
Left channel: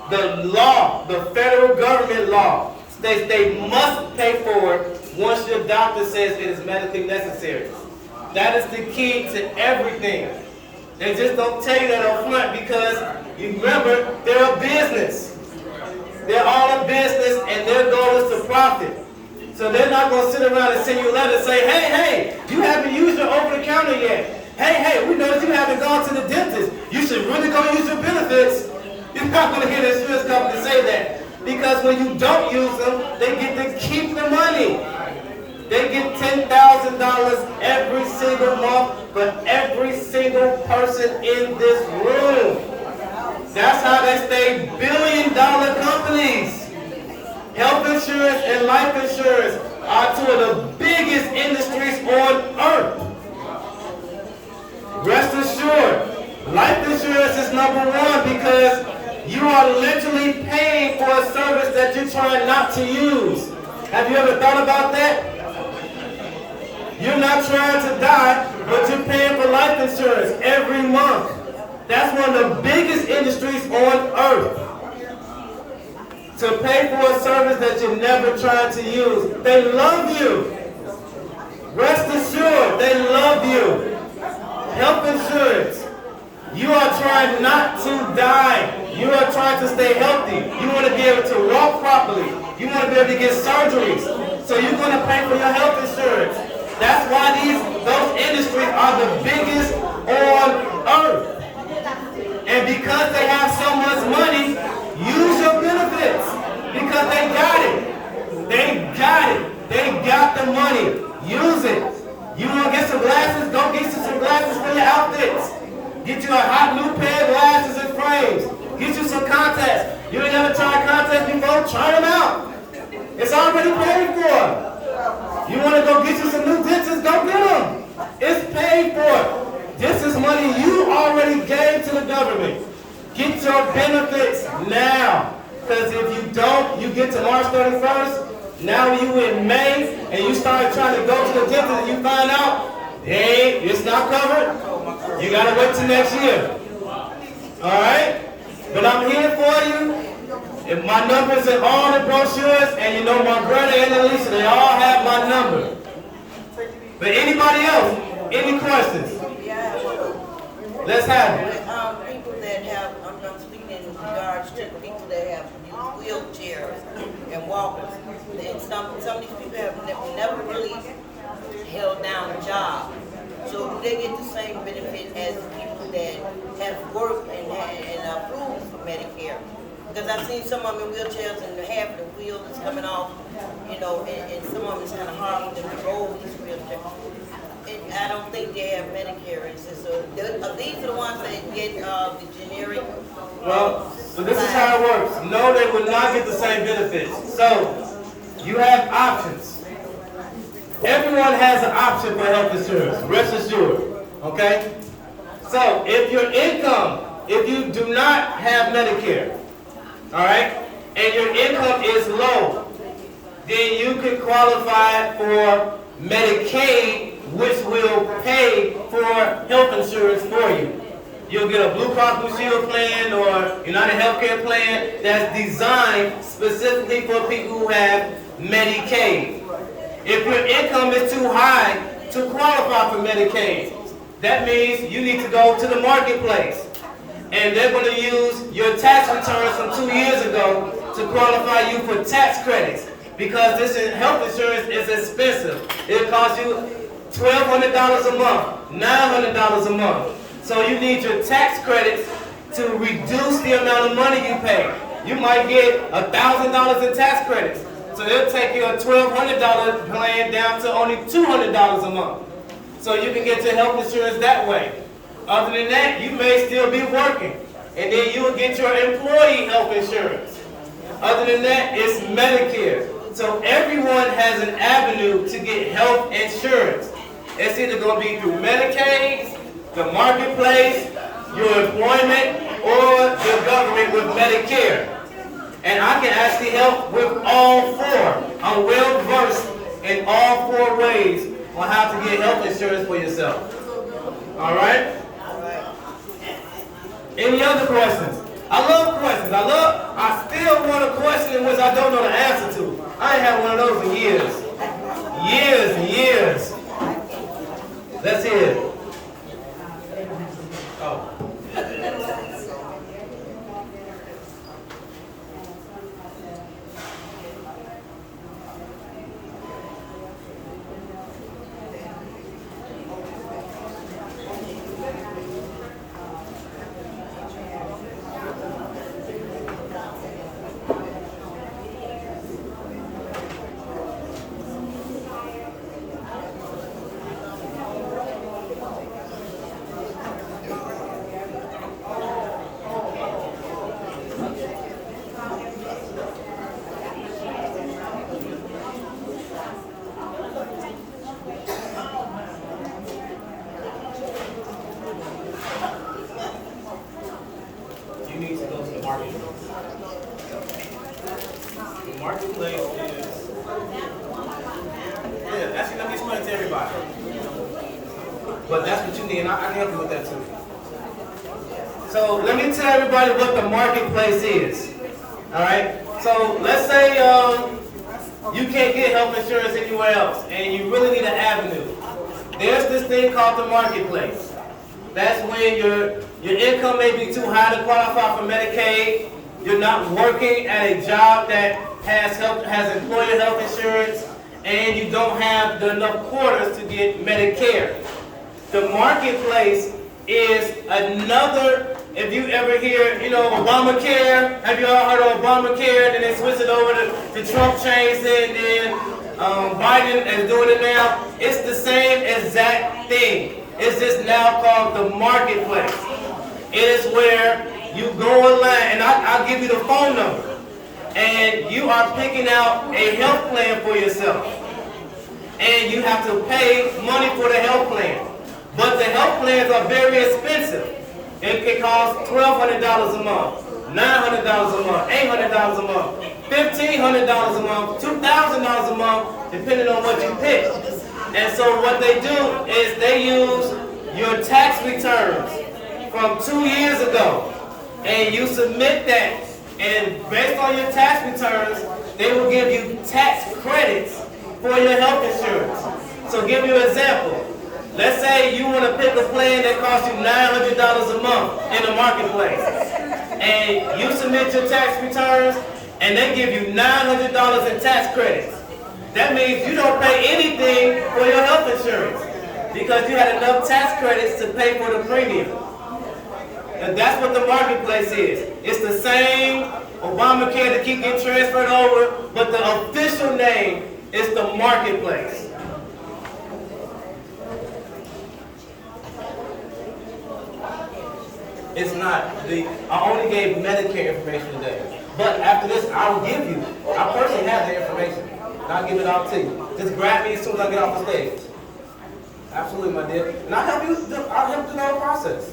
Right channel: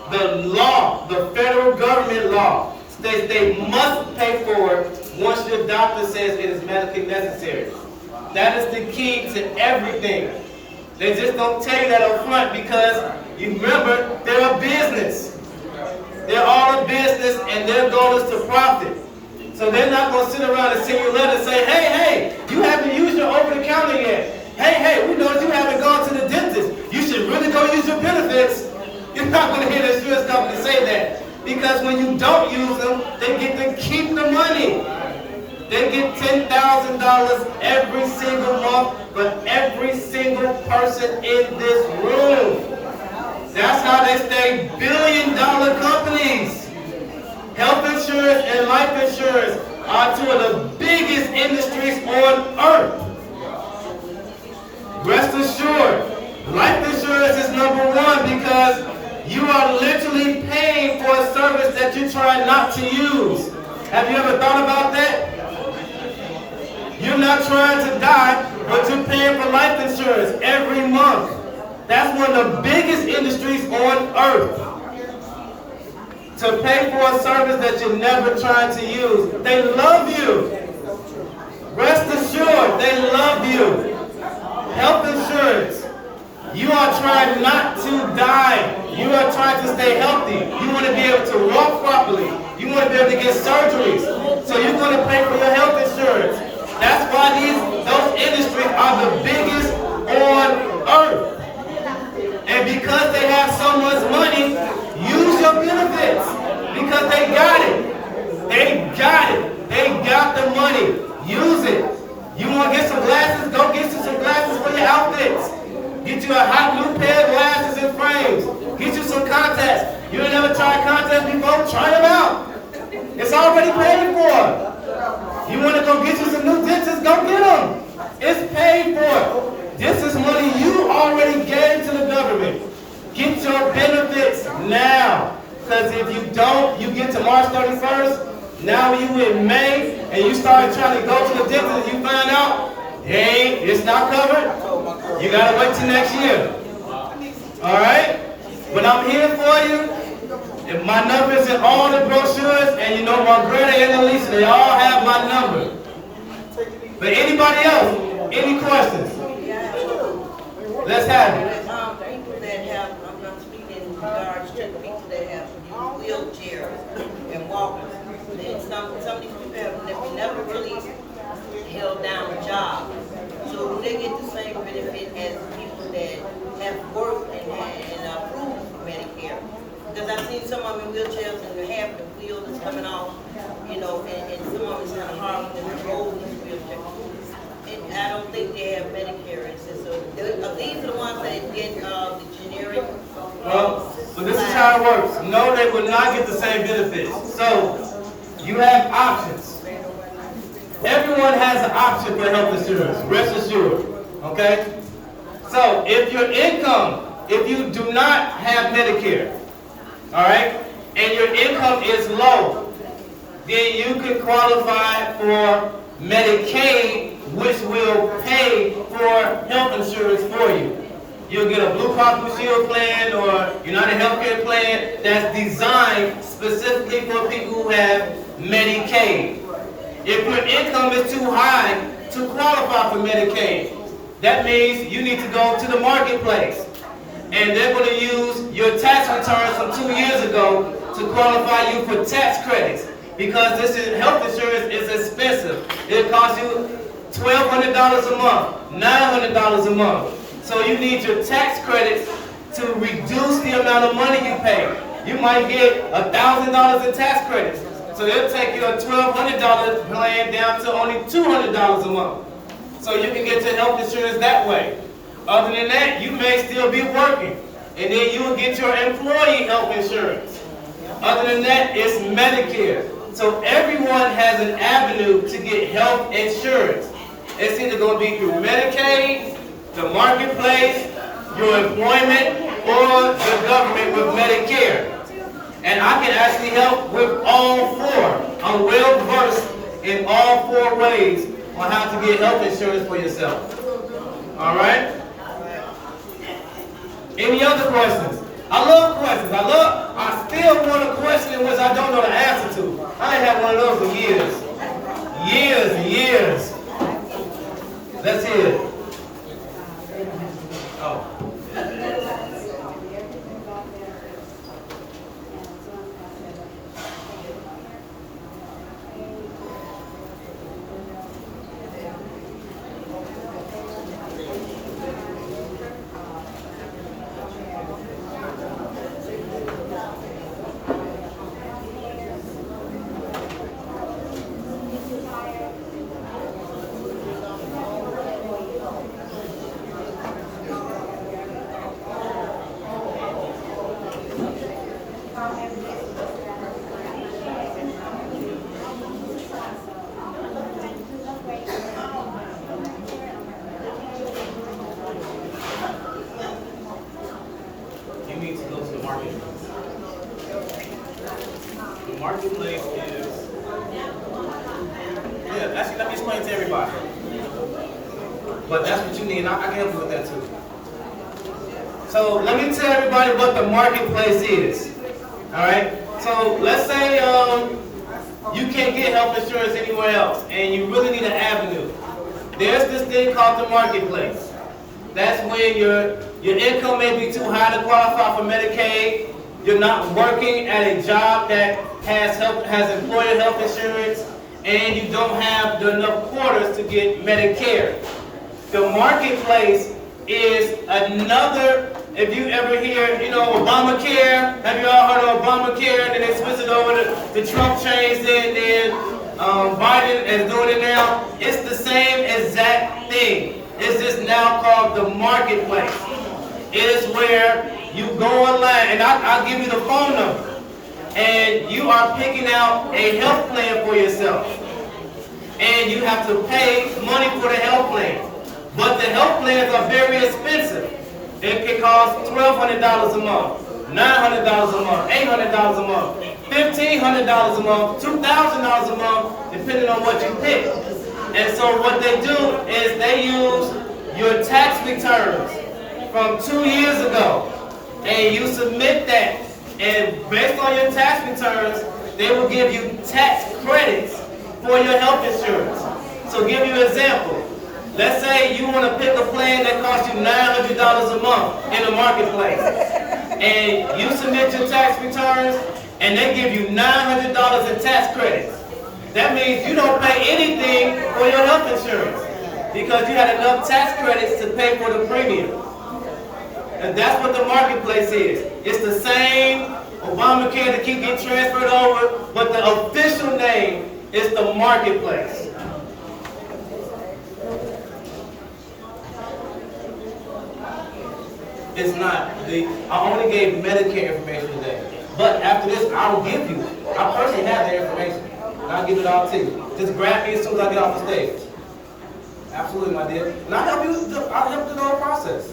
The law, the federal government law, states they must pay for it once your doctor says it is medically necessary. That is the key to everything. They just don't tell you that up front because, you remember, they're a business. They're all a business and their goal is to profit. So they're not going to sit around and send you a letter and say, hey, you haven't used your over-the-counter yet. Hey, we noticed you haven't gone to the dentist. You should really go use your benefits. You're not going to hear the insurance company say that. Because when you don't use them, they get to keep the money. They get $10,000 every single month for every single person in this room. That's how they stay billion-dollar companies. Health insurance and life insurance are 2 of the biggest industries on earth. Rest assured, life insurance is #1 because you are literally paying for a service that you're trying not to use. Have you ever thought about that? You're not trying to die, but you're paying for life insurance every month. That's one of the biggest industries on earth. To pay for a service that you're never trying to use. They love you. Rest assured, they love you. Health insurance. You are trying not to die. You are trying to stay healthy. You want to be able to walk properly. You want to be able to get surgeries. So you're going to pay for your health insurance. That's why those industries are the biggest on earth. And because they have so much money, use your benefits. Because they got it. They got it. They got the money. Use it. You want to get some glasses? Go get you some glasses for your outfits. Get you a hot new pair of glasses and frames. Get you some contacts. You ain't never tried contacts before? Try them out. It's already paid for. You want to go get you some new dentures? Go get them. It's paid for. This is money you already gave to the government. Get your benefits now. Because if you don't, you get to March 31st, now you in May, and you start trying to go to the dentist and you find out, hey, it's not covered, you got to wait till next year. All right? But I'm here for you. And my number's in all the brochures, and you know my brother and Elisa, they all have my number. But anybody else, any questions? Let's have it. People that have, I'm speaking in regards to people that have used wheelchairs and walkers. And some of these people have never really held down a job. So do they get the same benefit as the people that have worked and approved for Medicare? Because I've seen some of them in wheelchairs and half the wheel is coming off, you know, and some of it's kind of hard to roll these wheelchairs. And I don't think they have Medicare. It's just these are the ones that get the generic. Well, but this is how it works. No, they will not get the same benefits. So, you have options. Everyone has an option for health insurance, rest assured, okay? So, if your income, if you do not have Medicare, all right, and your income is low, then you can qualify for Medicaid, which will pay for health insurance for you. You'll get a Blue Cross Blue Shield plan or United Healthcare plan that's designed specifically for people who have Medicaid. If your income is too high to qualify for Medicaid, that means you need to go to the marketplace. And they're going to use your tax returns from 2 years ago to qualify you for tax credits. Because this health insurance is expensive. It costs you $1,200 a month, $900 a month. So you need your tax credits to reduce the amount of money you pay. You might get $1,000 in tax credits. So they'll take your $1,200 plan down to only $200 a month. So you can get your health insurance that way. Other than that, you may still be working. And then you will get your employee health insurance. Other than that, it's Medicare. So everyone has an avenue to get health insurance. It's either going to be through Medicaid, the marketplace, your employment, or the government with Medicare. And I can actually help with all four. I'm well versed in all four ways on how to get health insurance for yourself. All right? Any other questions? I love questions. I still want a question in which I don't know the answer to. I ain't had one of those in years. Years and years. Let's hear it. Oh. You need to go to the marketplace. The marketplace is, actually let me explain it to everybody. But that's what you need, and I can help you with that too. So let me tell everybody what the marketplace is. All right? So let's say you can't get health insurance anywhere else, and you really need an avenue. There's this thing called the marketplace. That's when your income may be too high to qualify for Medicaid. You're not working at a job that has employer health insurance, and you don't have enough quarters to get Medicare. The marketplace is another. If you ever hear, Obamacare, have you all heard of Obamacare? Then they switched it over to Trump changed it, and then Biden is doing it now. It's the same exact thing. It's just now called the marketplace. It is where you go online, and I'll give you the phone number, and you are picking out a health plan for yourself. And you have to pay money for the health plan. But the health plans are very expensive. It can cost $1,200 a month, $900 a month, $800 a month, $1,500 a month, $2,000 a month, depending on what you pick. And so what they do is they use your tax returns from 2 years ago, and you submit that And based on your tax returns, they will give you tax credits for your health insurance. So give you an example. Let's say you want to pick a plan that costs you $900 a month in the marketplace. And you submit your tax returns, and they give you $900 in tax credits. That means you don't pay anything for your health insurance because you had enough tax credits to pay for the premium. And that's what the marketplace is. It's the same Obamacare that keep getting transferred over, but the official name is the marketplace. It's not. I only gave Medicare information today. But after this, I will give you. I personally have the information. And I'll give it all to you. Just grab me as soon as I get off the stage. Absolutely, my dear. And I'll help you through the whole process.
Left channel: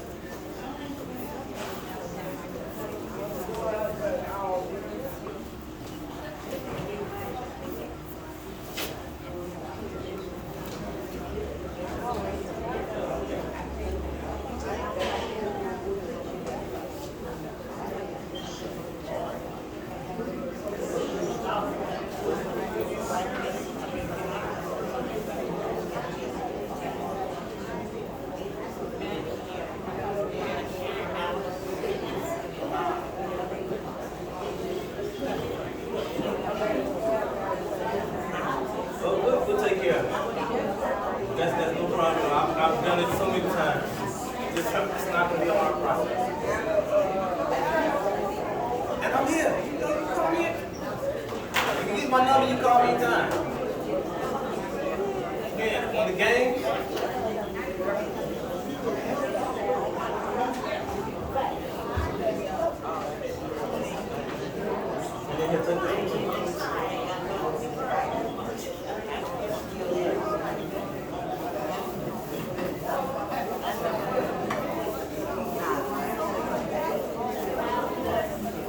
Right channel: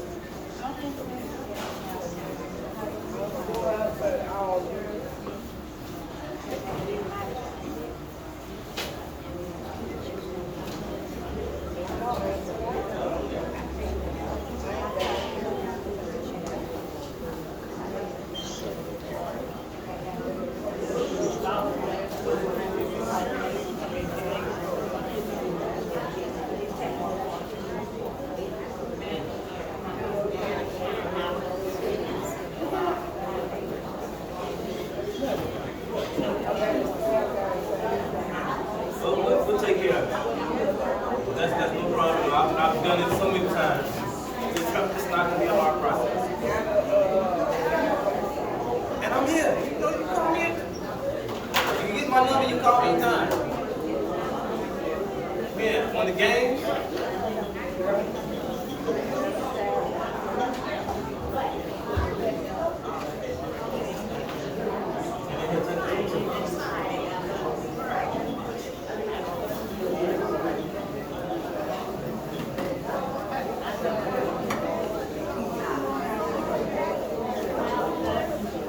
We'll take care of it. That's no problem. I've done it so many times. It's not going to be a hard process. And I'm here. You know, you call me. You can get my number, you call me anytime. Yeah, on the game.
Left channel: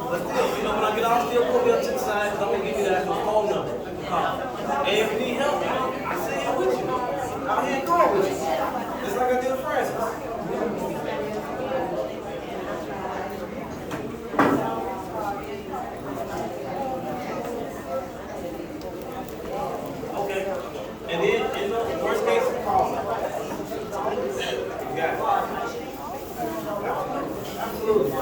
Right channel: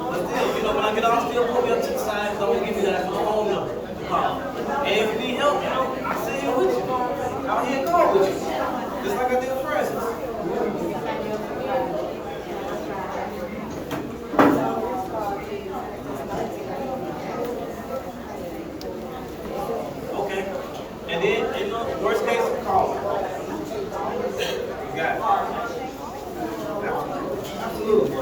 But still, when I get off, still pull me up to the side because I'm going to give you that phone number to call. And if you need help, I sit here with you. Out here and call with you. Just like I did with Francis. Okay. And then, worst case, call me. You got it. Absolutely.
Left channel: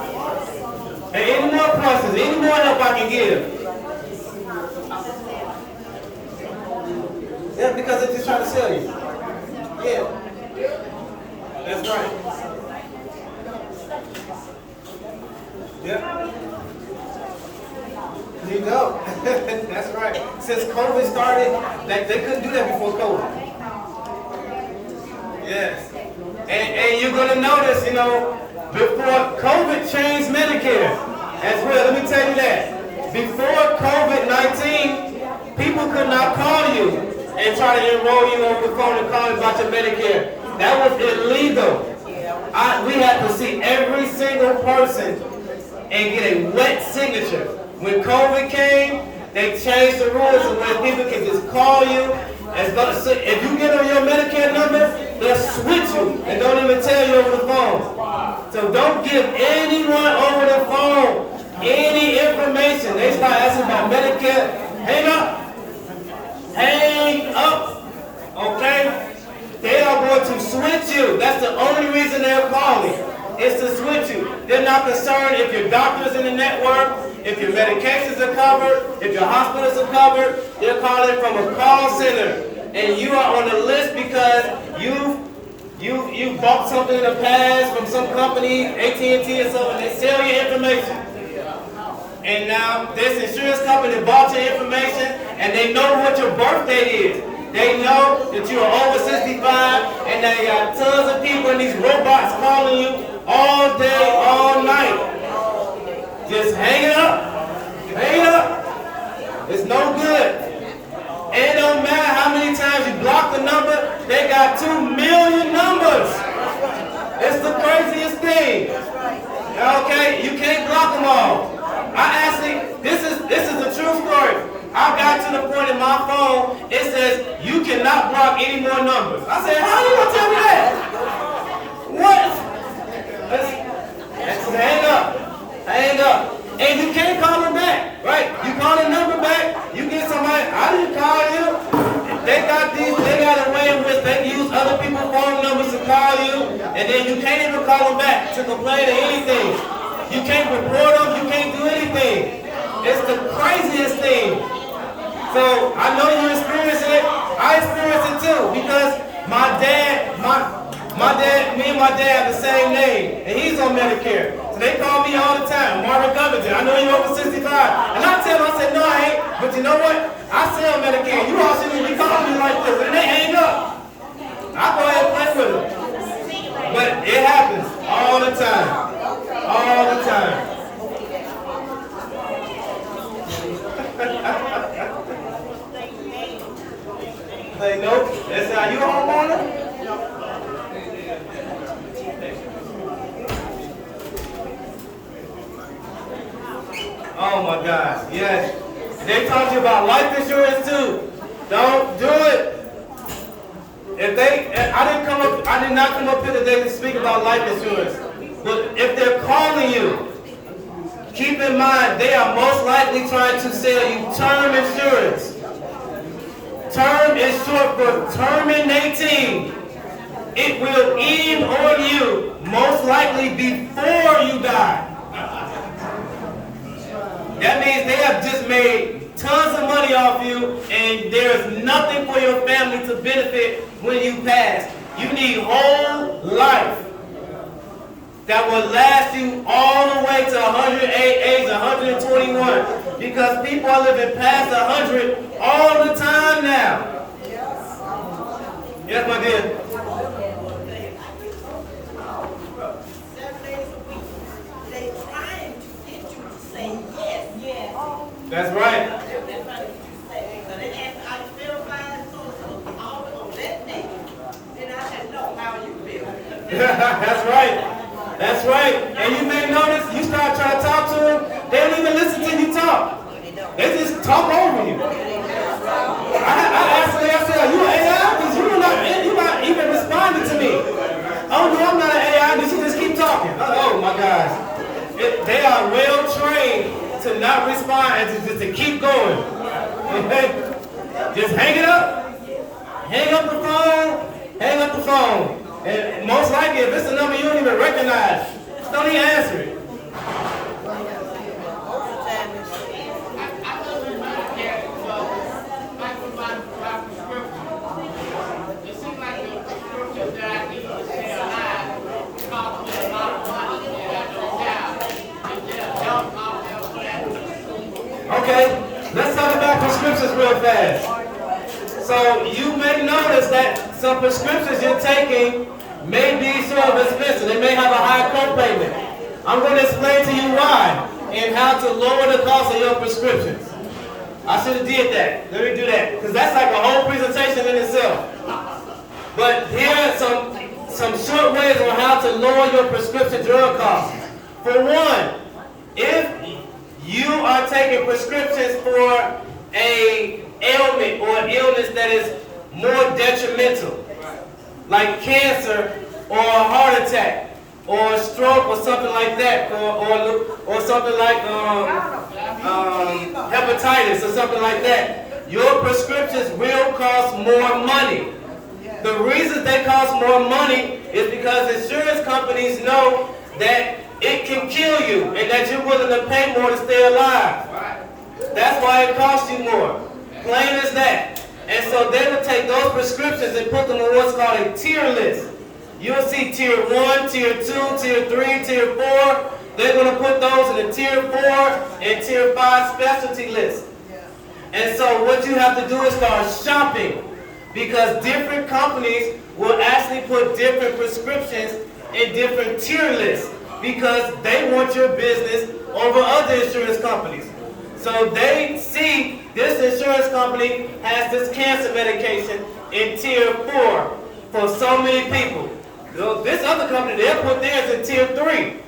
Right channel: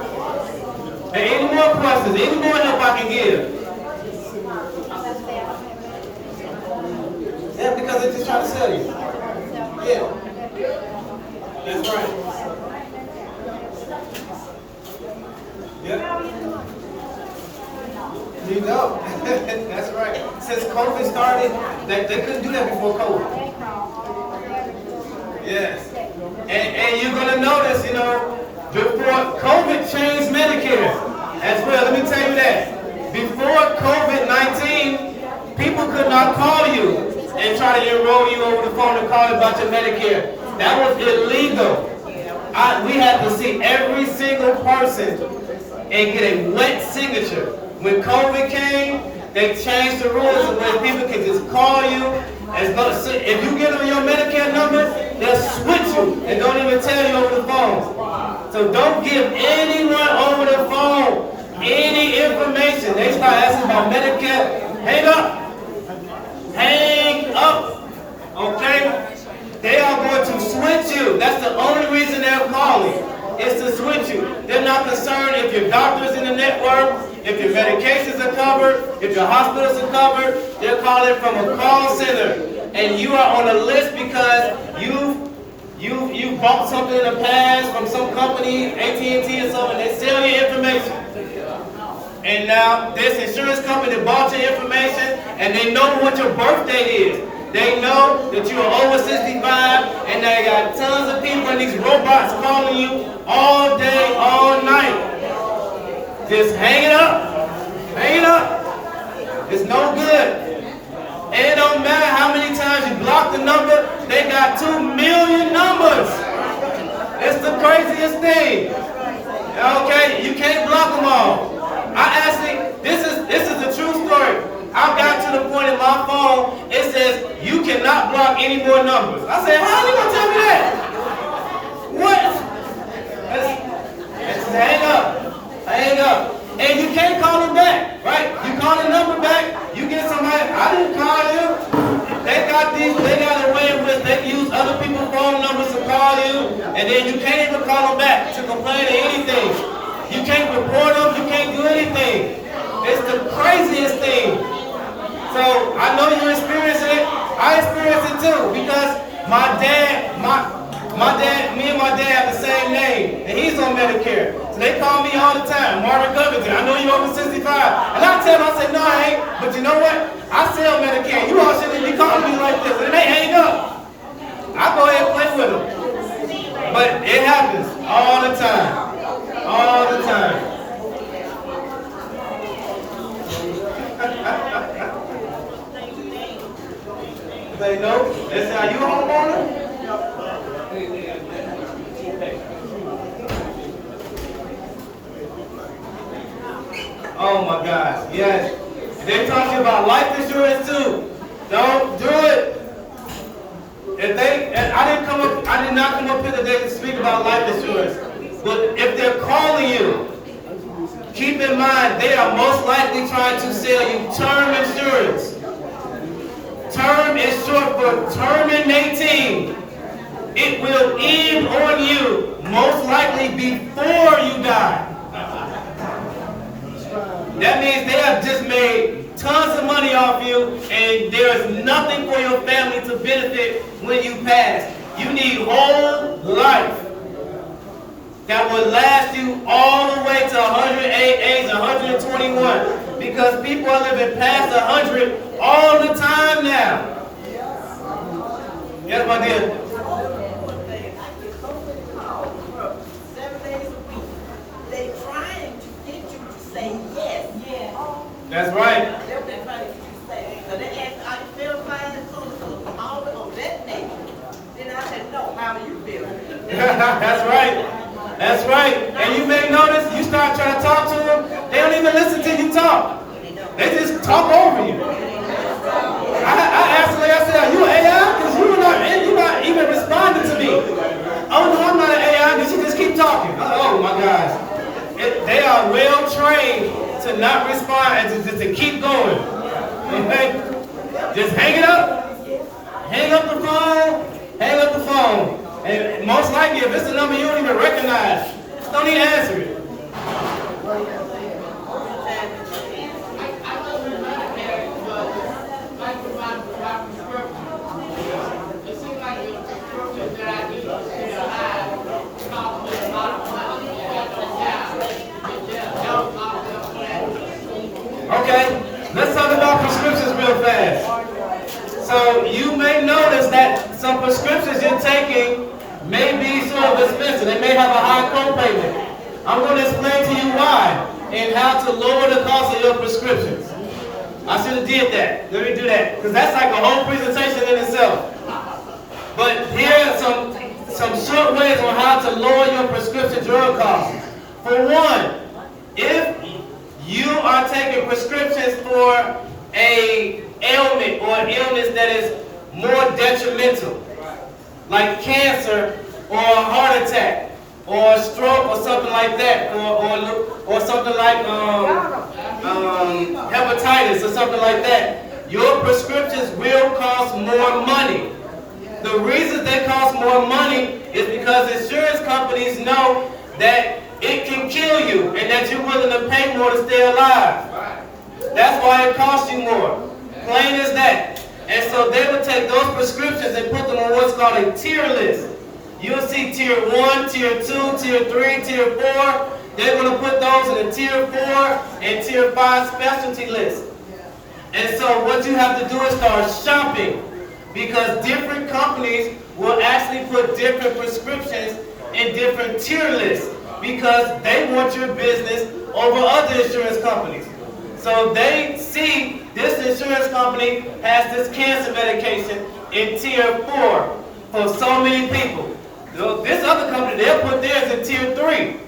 Hey, any more questions? Any more help I can give? Yeah, because they're just trying to sell you. Yeah. That's right. Yeah. You know. That's right. Since COVID started, they couldn't do that before COVID. Yes. And you're going to notice, before COVID changed Medicare as well. Let me tell you that. Before COVID-19, people could not call you and try to enroll you over the phone and call you about your Medicare. That was illegal. We had to see every single person and get a wet signature. When COVID came, they changed the rules and where people can just call you. So if you get on your Medicare number, they'll switch you and don't even tell you over the phone. So don't give anyone over the phone any information. They start asking about Medicare. Hang up. Hang up. Okay? They are going to switch you. That's the only reason they're calling. Is to switch you. They're not concerned if your doctor's in the network, if your medications are covered, if your hospitals are covered. They're calling from a call center. And you are on a list because you bought something in the past from some company, AT&T or something, they sell your information. And now this insurance company bought your information and they know what your birth date is. They know that you are over 65 and they got tons of people in these robots calling you all day, all night. Just hang it up. Hang it up. It's no good. And it don't matter how many times you block the number, they got 2 million numbers. It's the craziest thing. Okay, you can't block them all. This is a true story. I got to the point in my phone, it says, you cannot block any more numbers. I said, how are you gonna tell me that? What? Hang up. Hang up. And you can't call them back, right? You call the number back, you get somebody, I didn't call you. They got a way in which they use other people's phone numbers to call you, and then you can't even call them back to complain or anything. You can't report them, you can't do anything. It's the craziest thing. So I know you're experiencing it. I experience it too, because me and my dad have the same name, and he's on Medicare. So they call me all the time, Marvin Covington. I know you're over 65. And I tell them, I say, no, I ain't. But you know what? I sell Medicare. You all shouldn't be calling me like this. And they hang up. I go ahead and play with them. But it happens all the time. All the time. Say, no, they say, are you a homeowner? Oh my gosh, yes. They talk to you about life insurance too. Don't do it. I did not come up here today to speak about life insurance. But if they're calling you, keep in mind they are most likely trying to sell you term insurance. Term is short for terminating. It will end on you most likely before you die. That means they have just made tons of money off you, and there is nothing for your family to benefit when you pass. You need whole life that will last you all the way to 108 age, 121, because people are living past 100 all the time now. Yes, my dear. They trying to get you to say yes. Yes. That's right. That's right. That's right. And you may notice, you start trying to talk to them, they don't even listen to you talk. They just talk over you. I asked her, I said, are you an AI? Because you're not even responding to me. Oh, no, I'm not an AI. Did she just keep talking? Oh, my gosh. They are well trained to not respond and just to keep going. Okay? Just hang it up. Hang up the phone. Hang up the phone. And most likely, if it's a number you don't even recognize, don't even answer it. I live in Medicare, but like with my prescription, it seems like the prescription that I need to stay alive costs me a lot of money that I don't have. And there's help out there for that. Okay, let's talk about prescriptions real fast. So you may notice that some prescriptions you're taking may be sort of expensive. They may have a high copayment. I'm going to explain to you why and how to lower the cost of your prescriptions. I should have did that. Let me do that, because that's like a whole presentation in itself. But here are some short ways on how to lower your prescription drug costs. For one, if you are taking prescriptions for a ailment or an illness that is more detrimental, like cancer or a heart attack or a stroke or something like that, or something like hepatitis or something like that, your prescriptions will cost more money. The reason they cost more money is because insurance companies know that it can kill you and that you're willing to pay more to stay alive. That's why it costs you more. Plain as that. And so they will take those prescriptions and put them on what's called a tier list. You'll see tier 1, tier 2, tier 3, tier 4. They're going to put those in the tier 4 and tier 5 specialty list. And so what you have to do is start shopping, because different companies will actually put different prescriptions in different tier lists because they want your business over other insurance companies. So they see this insurance company has this cancer medication in tier 4 for so many people. This other company, they'll put theirs in tier 3.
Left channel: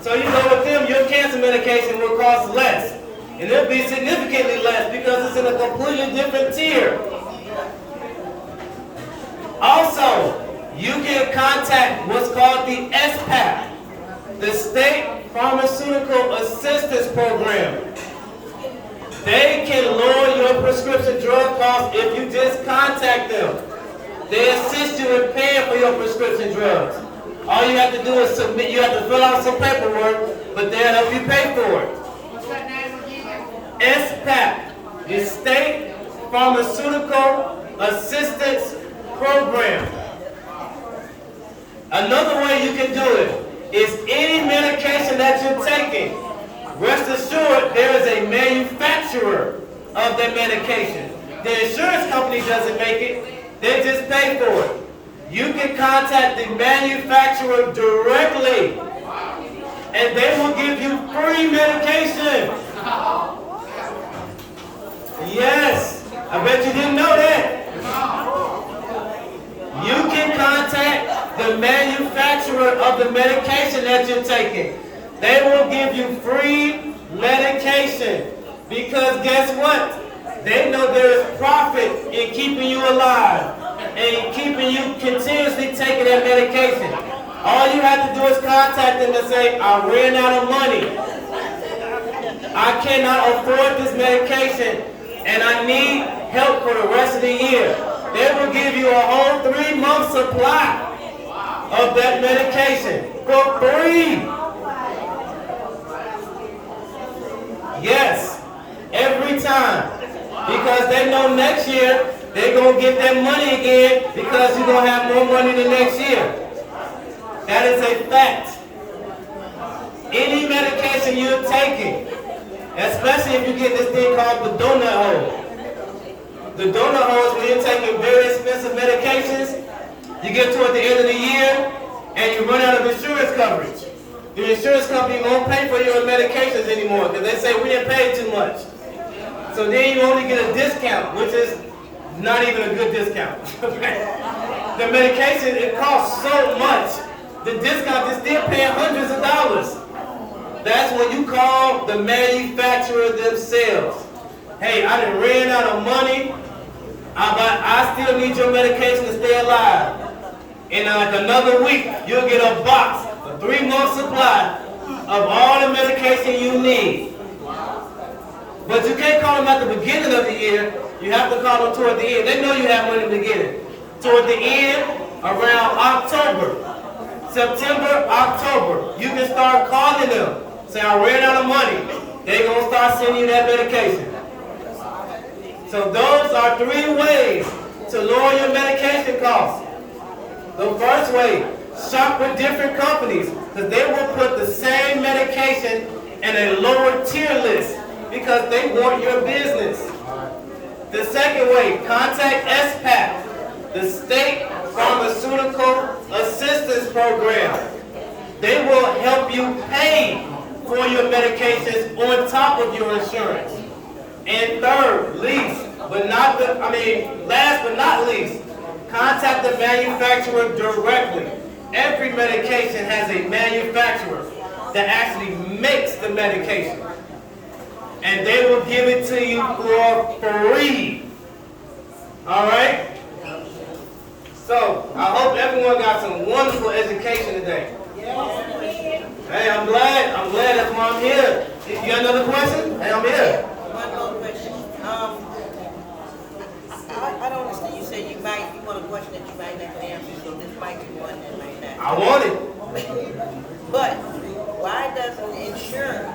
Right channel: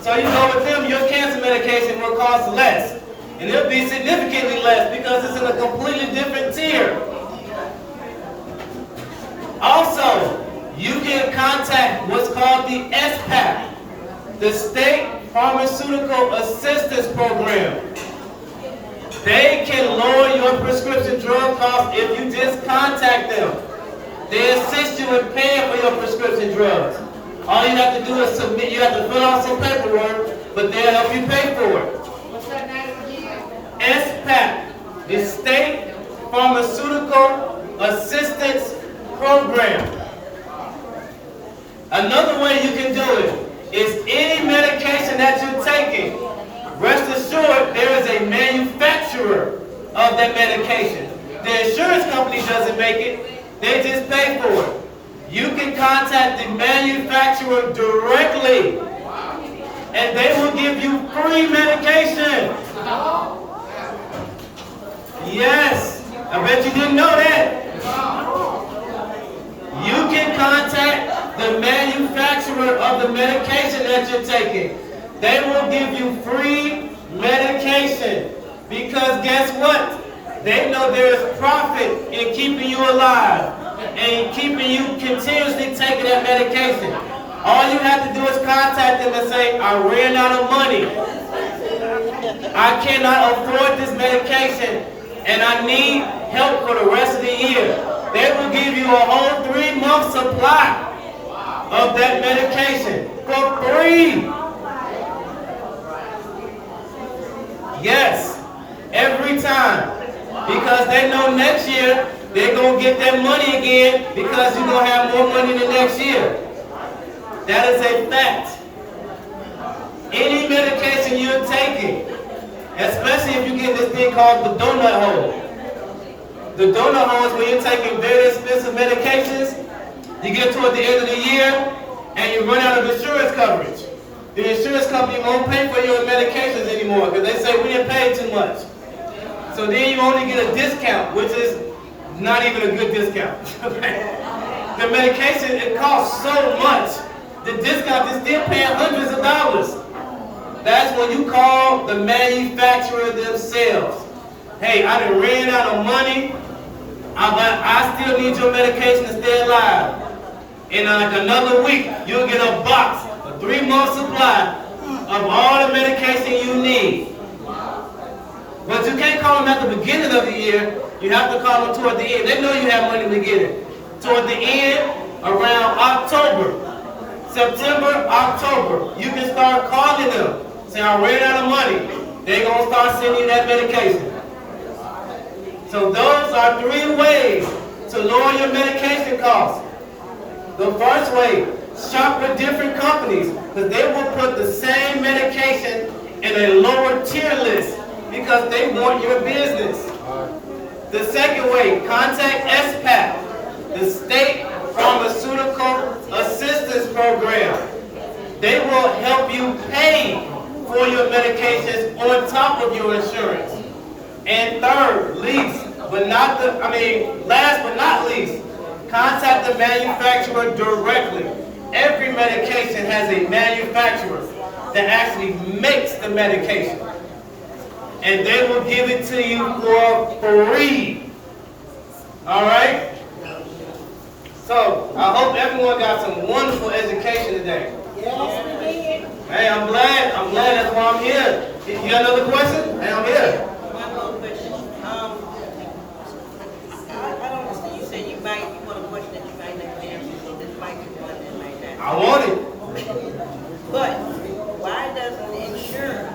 So you go with them, your cancer medication will cost less. And it'll be significantly less because it's in a completely different tier. Also, you can contact what's called the SPAP, the State Pharmaceutical Assistance Program. They can lower your prescription drug costs if you just contact them. They assist you in paying for your prescription drugs. All you have to do is submit, you have to fill out some paperwork, but they'll help you pay for it. What's that name again? SPAP, the State Pharmaceutical Assistance Program. Another way you can do it is any medication that you're taking. Rest assured, there is a manufacturer of that medication. The insurance company doesn't make it, they just pay for it. You can contact the manufacturer directly, and they will give you free medication. Yes, I bet you didn't know that. You can contact the manufacturer of the medication that you're taking. They will give you free medication because guess what? They know there is profit in keeping you alive and keeping you continuously taking that medication. All you have to do is contact them and say, I ran out of money. I cannot afford this medication and I need help for the rest of the year. They will give you a whole 3-month supply of that medication for free. Yes, every time. Because they know next year they're going to get that money again because you're going to have more money the next year. That is a fact. Any medication you're taking, especially if you get this thing called the donut hole. The donut hole is when you're taking very expensive medications, you get toward the end of the year and you run out of insurance coverage. The insurance company won't pay for your medications anymore because they say we didn't pay too much. So then you only get a discount, which is not even a good discount. The medication, it costs so much. The discount is still paying hundreds of dollars. That's when you call the manufacturer themselves. Hey, I done ran out of money, but I still need your medication to stay alive. In like another week, you'll get a box, a 3-month supply of all the medication you need. But you can't call them at the beginning of the year. You have to call them toward the end. They know you have money to get it. Toward the end, around October, September, October, you can start calling them. Say, I ran out of money. They're going to start sending you that medication. So those are 3 ways to lower your medication costs. The first way, shop with different companies because they will put the same medication in a lower tier list because they want your business. The second way, contact SPAP, the State Pharmaceutical Assistance Program. They will help you pay for your medications on top of your insurance. And third, last but not least, contact the manufacturer directly. Every medication has a manufacturer that actually makes the medication. And they will give it to you for free. All right? So, I hope everyone got some wonderful education today. Hey, I'm glad that's why I'm here. You got another question? Hey, I'm here. One more question. I don't understand. You said you want a question that you might never answer, so this might be one that you can answer. I want it. But why doesn't insurance,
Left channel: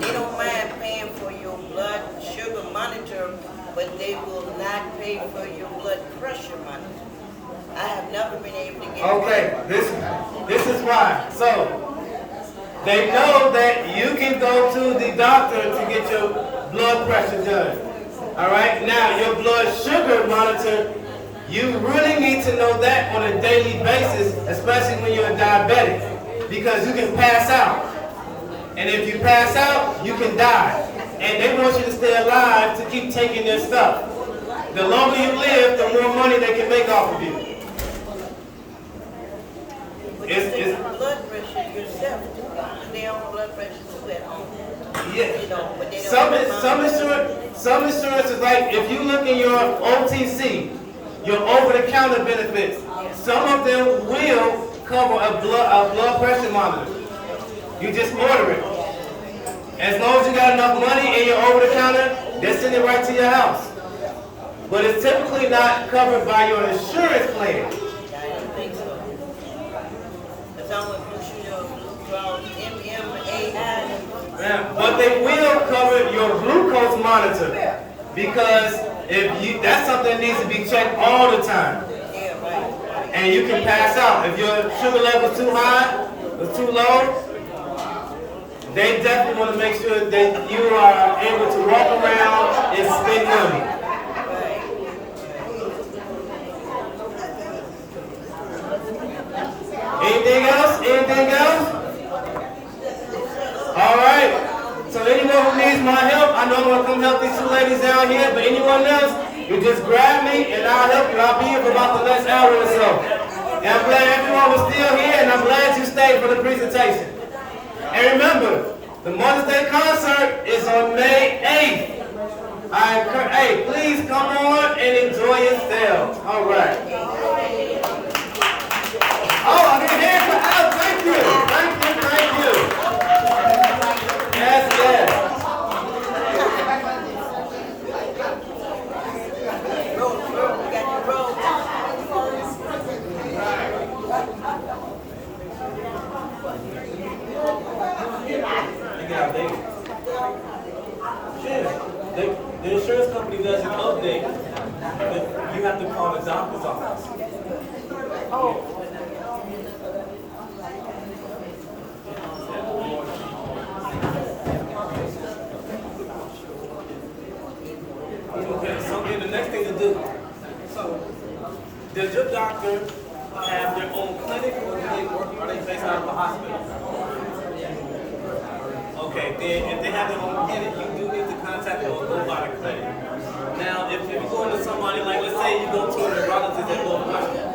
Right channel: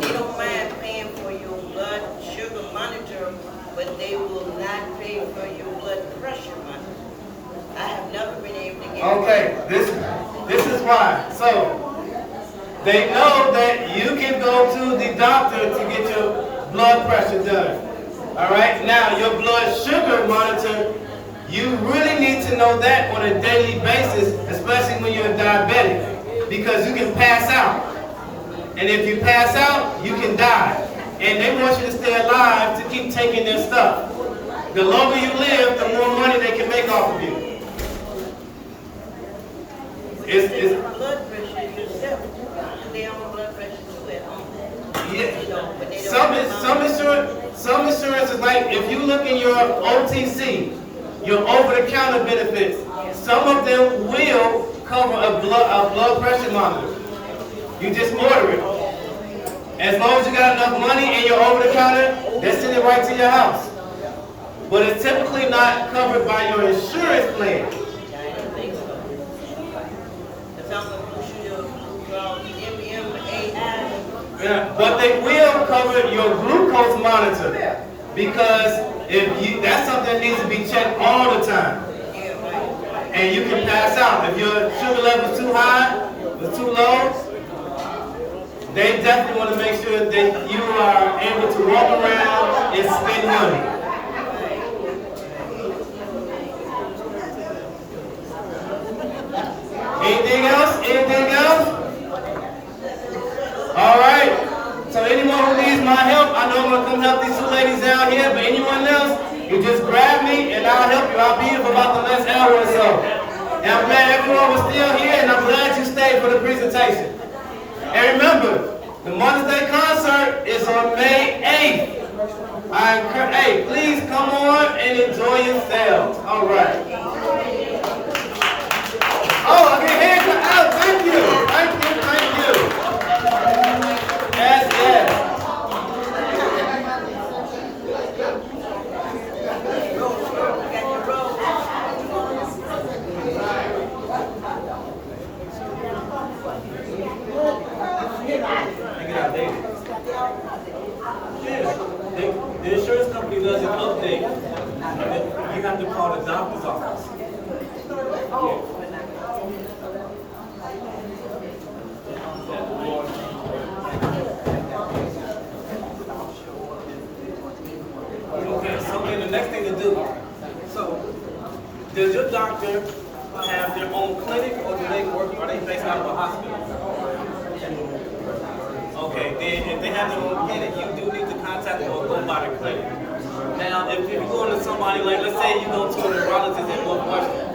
they don't mind paying for your blood sugar monitor, but they will not pay for your blood pressure monitor? I have never been able to get. Okay, this is why. So, they know that you can go to the doctor to get your blood pressure done. All right, now your blood sugar monitor, you really need to know that on a daily basis, especially when you're a diabetic, because you can pass out. And if you pass out, you can die. And they want you to stay alive to keep taking their stuff. The longer you live, the more money they can make off of you. It's blood pressure yourself. They own blood pressure too at home. yeah. You know, but they don't Some insurance is like if you look in your OTC, your over-the-counter benefits, some of them will cover a blood pressure monitor. You just order it. As long as you got enough money and you're over the counter, they send it right to your house. But it's typically not covered by your insurance plan. I didn't think so. If I'm a Blue Shield, Blue Cross, MMAI, Yeah, but they will cover your glucose monitor because that's something that needs to be checked all the time. yeah, right. And you can pass out. If your sugar level is too high or too low, they definitely want to make sure that you are able to walk around and spend money. Anything else? Anything else? All right. So anyone who needs my help, I know I'm going to come help these two ladies down here, but anyone else, you just grab me and I'll help you. I'll be here for about the next hour or so. And I'm glad everyone was still here, and I'm glad you stayed for the presentation. And remember, the Mother's Day concert is on May 8th. Hey, please come on and enjoy yourselves. All right. Oh, I get hands out. Thank you. Thank you. Thank you. Yes, yes. Get out, baby. Yeah. The insurance company doesn't update. You have to call the doctor's office. Okay, so then the next thing to do. So, does your doctor have their own clinic, or do they work? Are they based out of a hospital? Okay, then if they have their own clinic, you do need to contact them or go by the clinic. Now, if you're going to somebody, like let's say you go to a neurologist at Northwestern,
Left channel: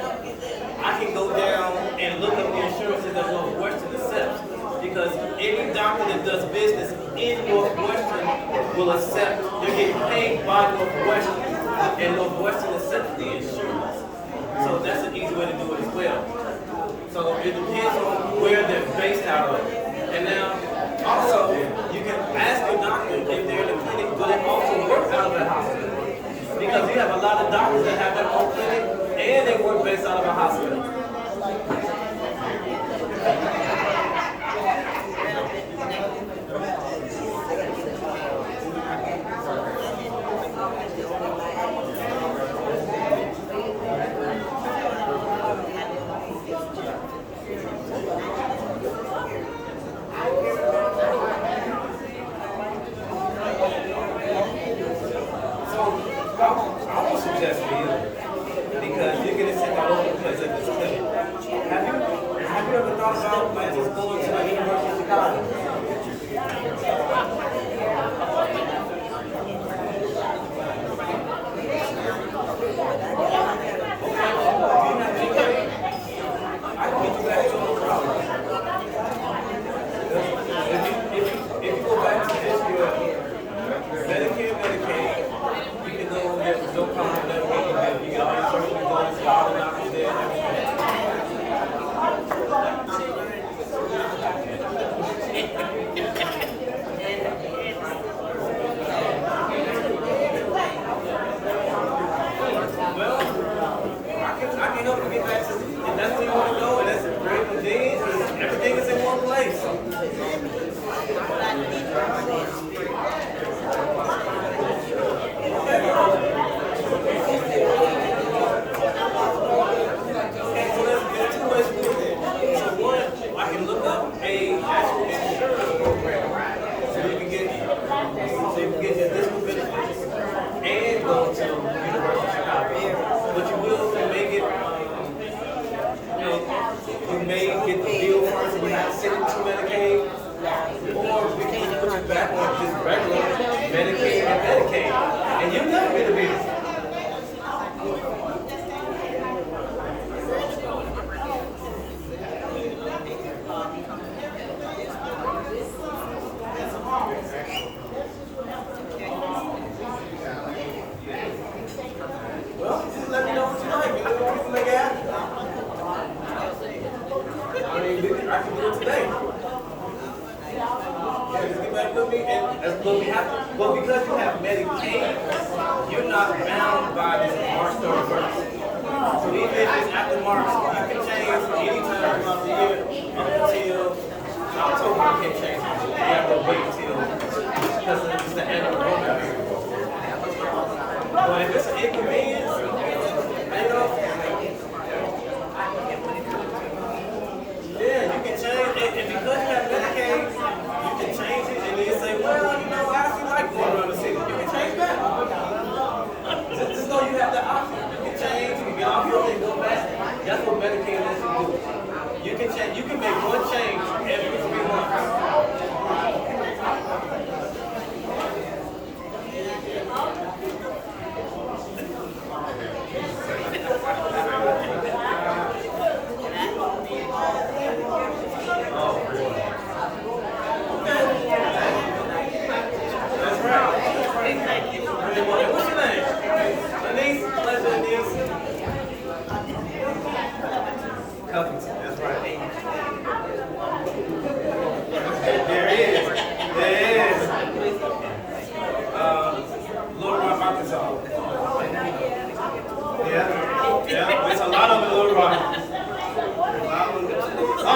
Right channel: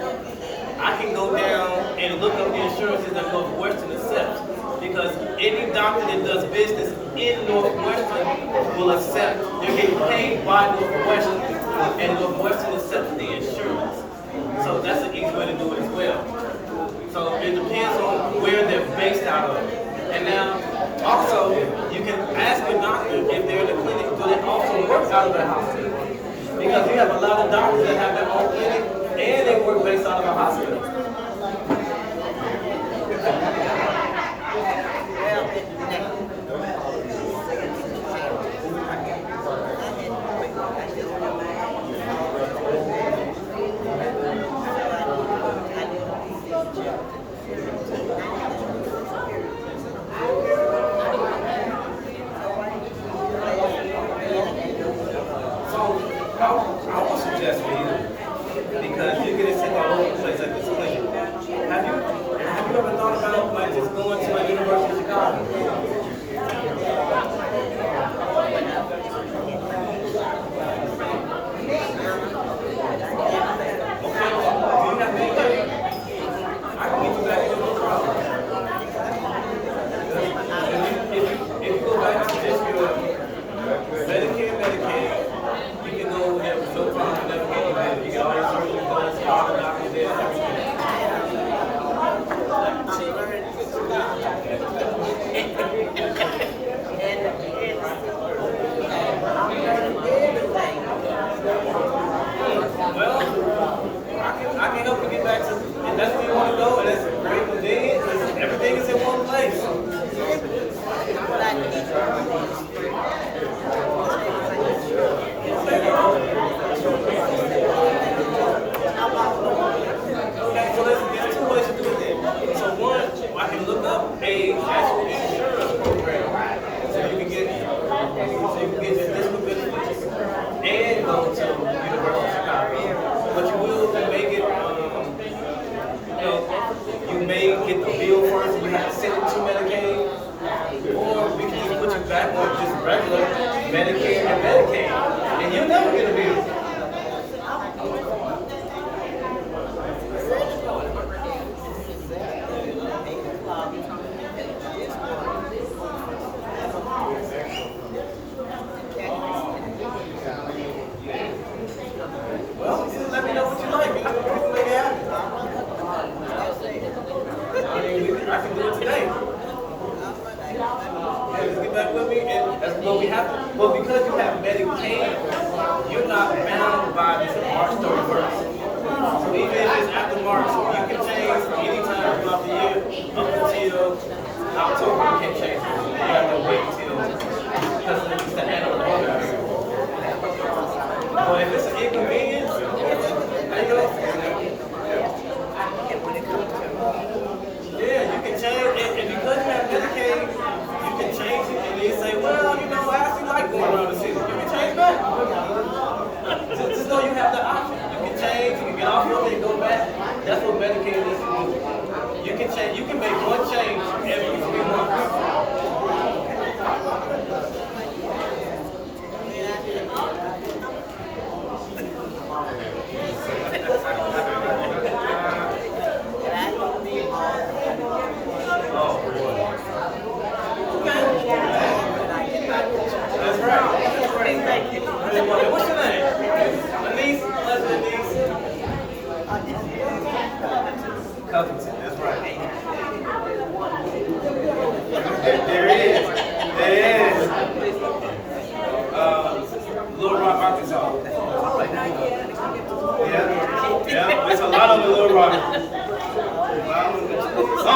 I can go down and look up the insurances that Northwestern accepts. Because any doctor that does business in Northwestern will accept, they're getting paid by Northwestern, and Northwestern accepts the insurance. So that's an easy way to do it as well. So it depends on where they're based out of. And now, also, you can ask your doctor if they're in the clinic, do they also work out of the hospital? Because you have a lot of doctors that have their own clinic and they work based out of a hospital. I would suggest for you, because you're getting sick all over the place at this clinic. Have you ever thought about like just going to like University of Chicago? Okay, do you have anything? I can get you back to no problem. If you go back to just your Medicare, Medicaid, you can go over there with no problem, never get you there. You get all your surgery done, see all the doctors there, everything. Well, I can help you get back to, if that's where you want to go, and that's very convenient, because everything is in one place. Okay, so there's two ways to do it then. So one, I can look up a actual insurance program, so you can get your additional benefits and go to University of Chicago. But you may get, you may get the bill first, and you have to send it to Medicaid, or we can just put you back on just regular Medicare and Medicaid, and you'll never get a bill. Well, just let me know what you like. We can make it happen. I mean, I can do it today. with me? And but we have, but because you have Medicaid, you're not bound by this March 31st. So even if it's after March, you can change anytime throughout the year up until October. You can't change it. You have to wait until because it's the end of the voting period. But if it's an inconvenience, you know, yeah, you can change it. And because you have Medicaid, you can change it. And then you say, well, you know, I actually like going around the city. You can change that. Just know you have the option. You can change, you can get off of it and go back. That's what Medicaid lets you do. You can change, you can make one change every 3 months. Oh boy. Okay. That's right. That's right. What's your name? Anise? Pleasure, Anise. Covington. That's right. There is. There is. Little Rock, Arkansas. Yeah. Yeah. There's a lot of them in Little Rock. Oh.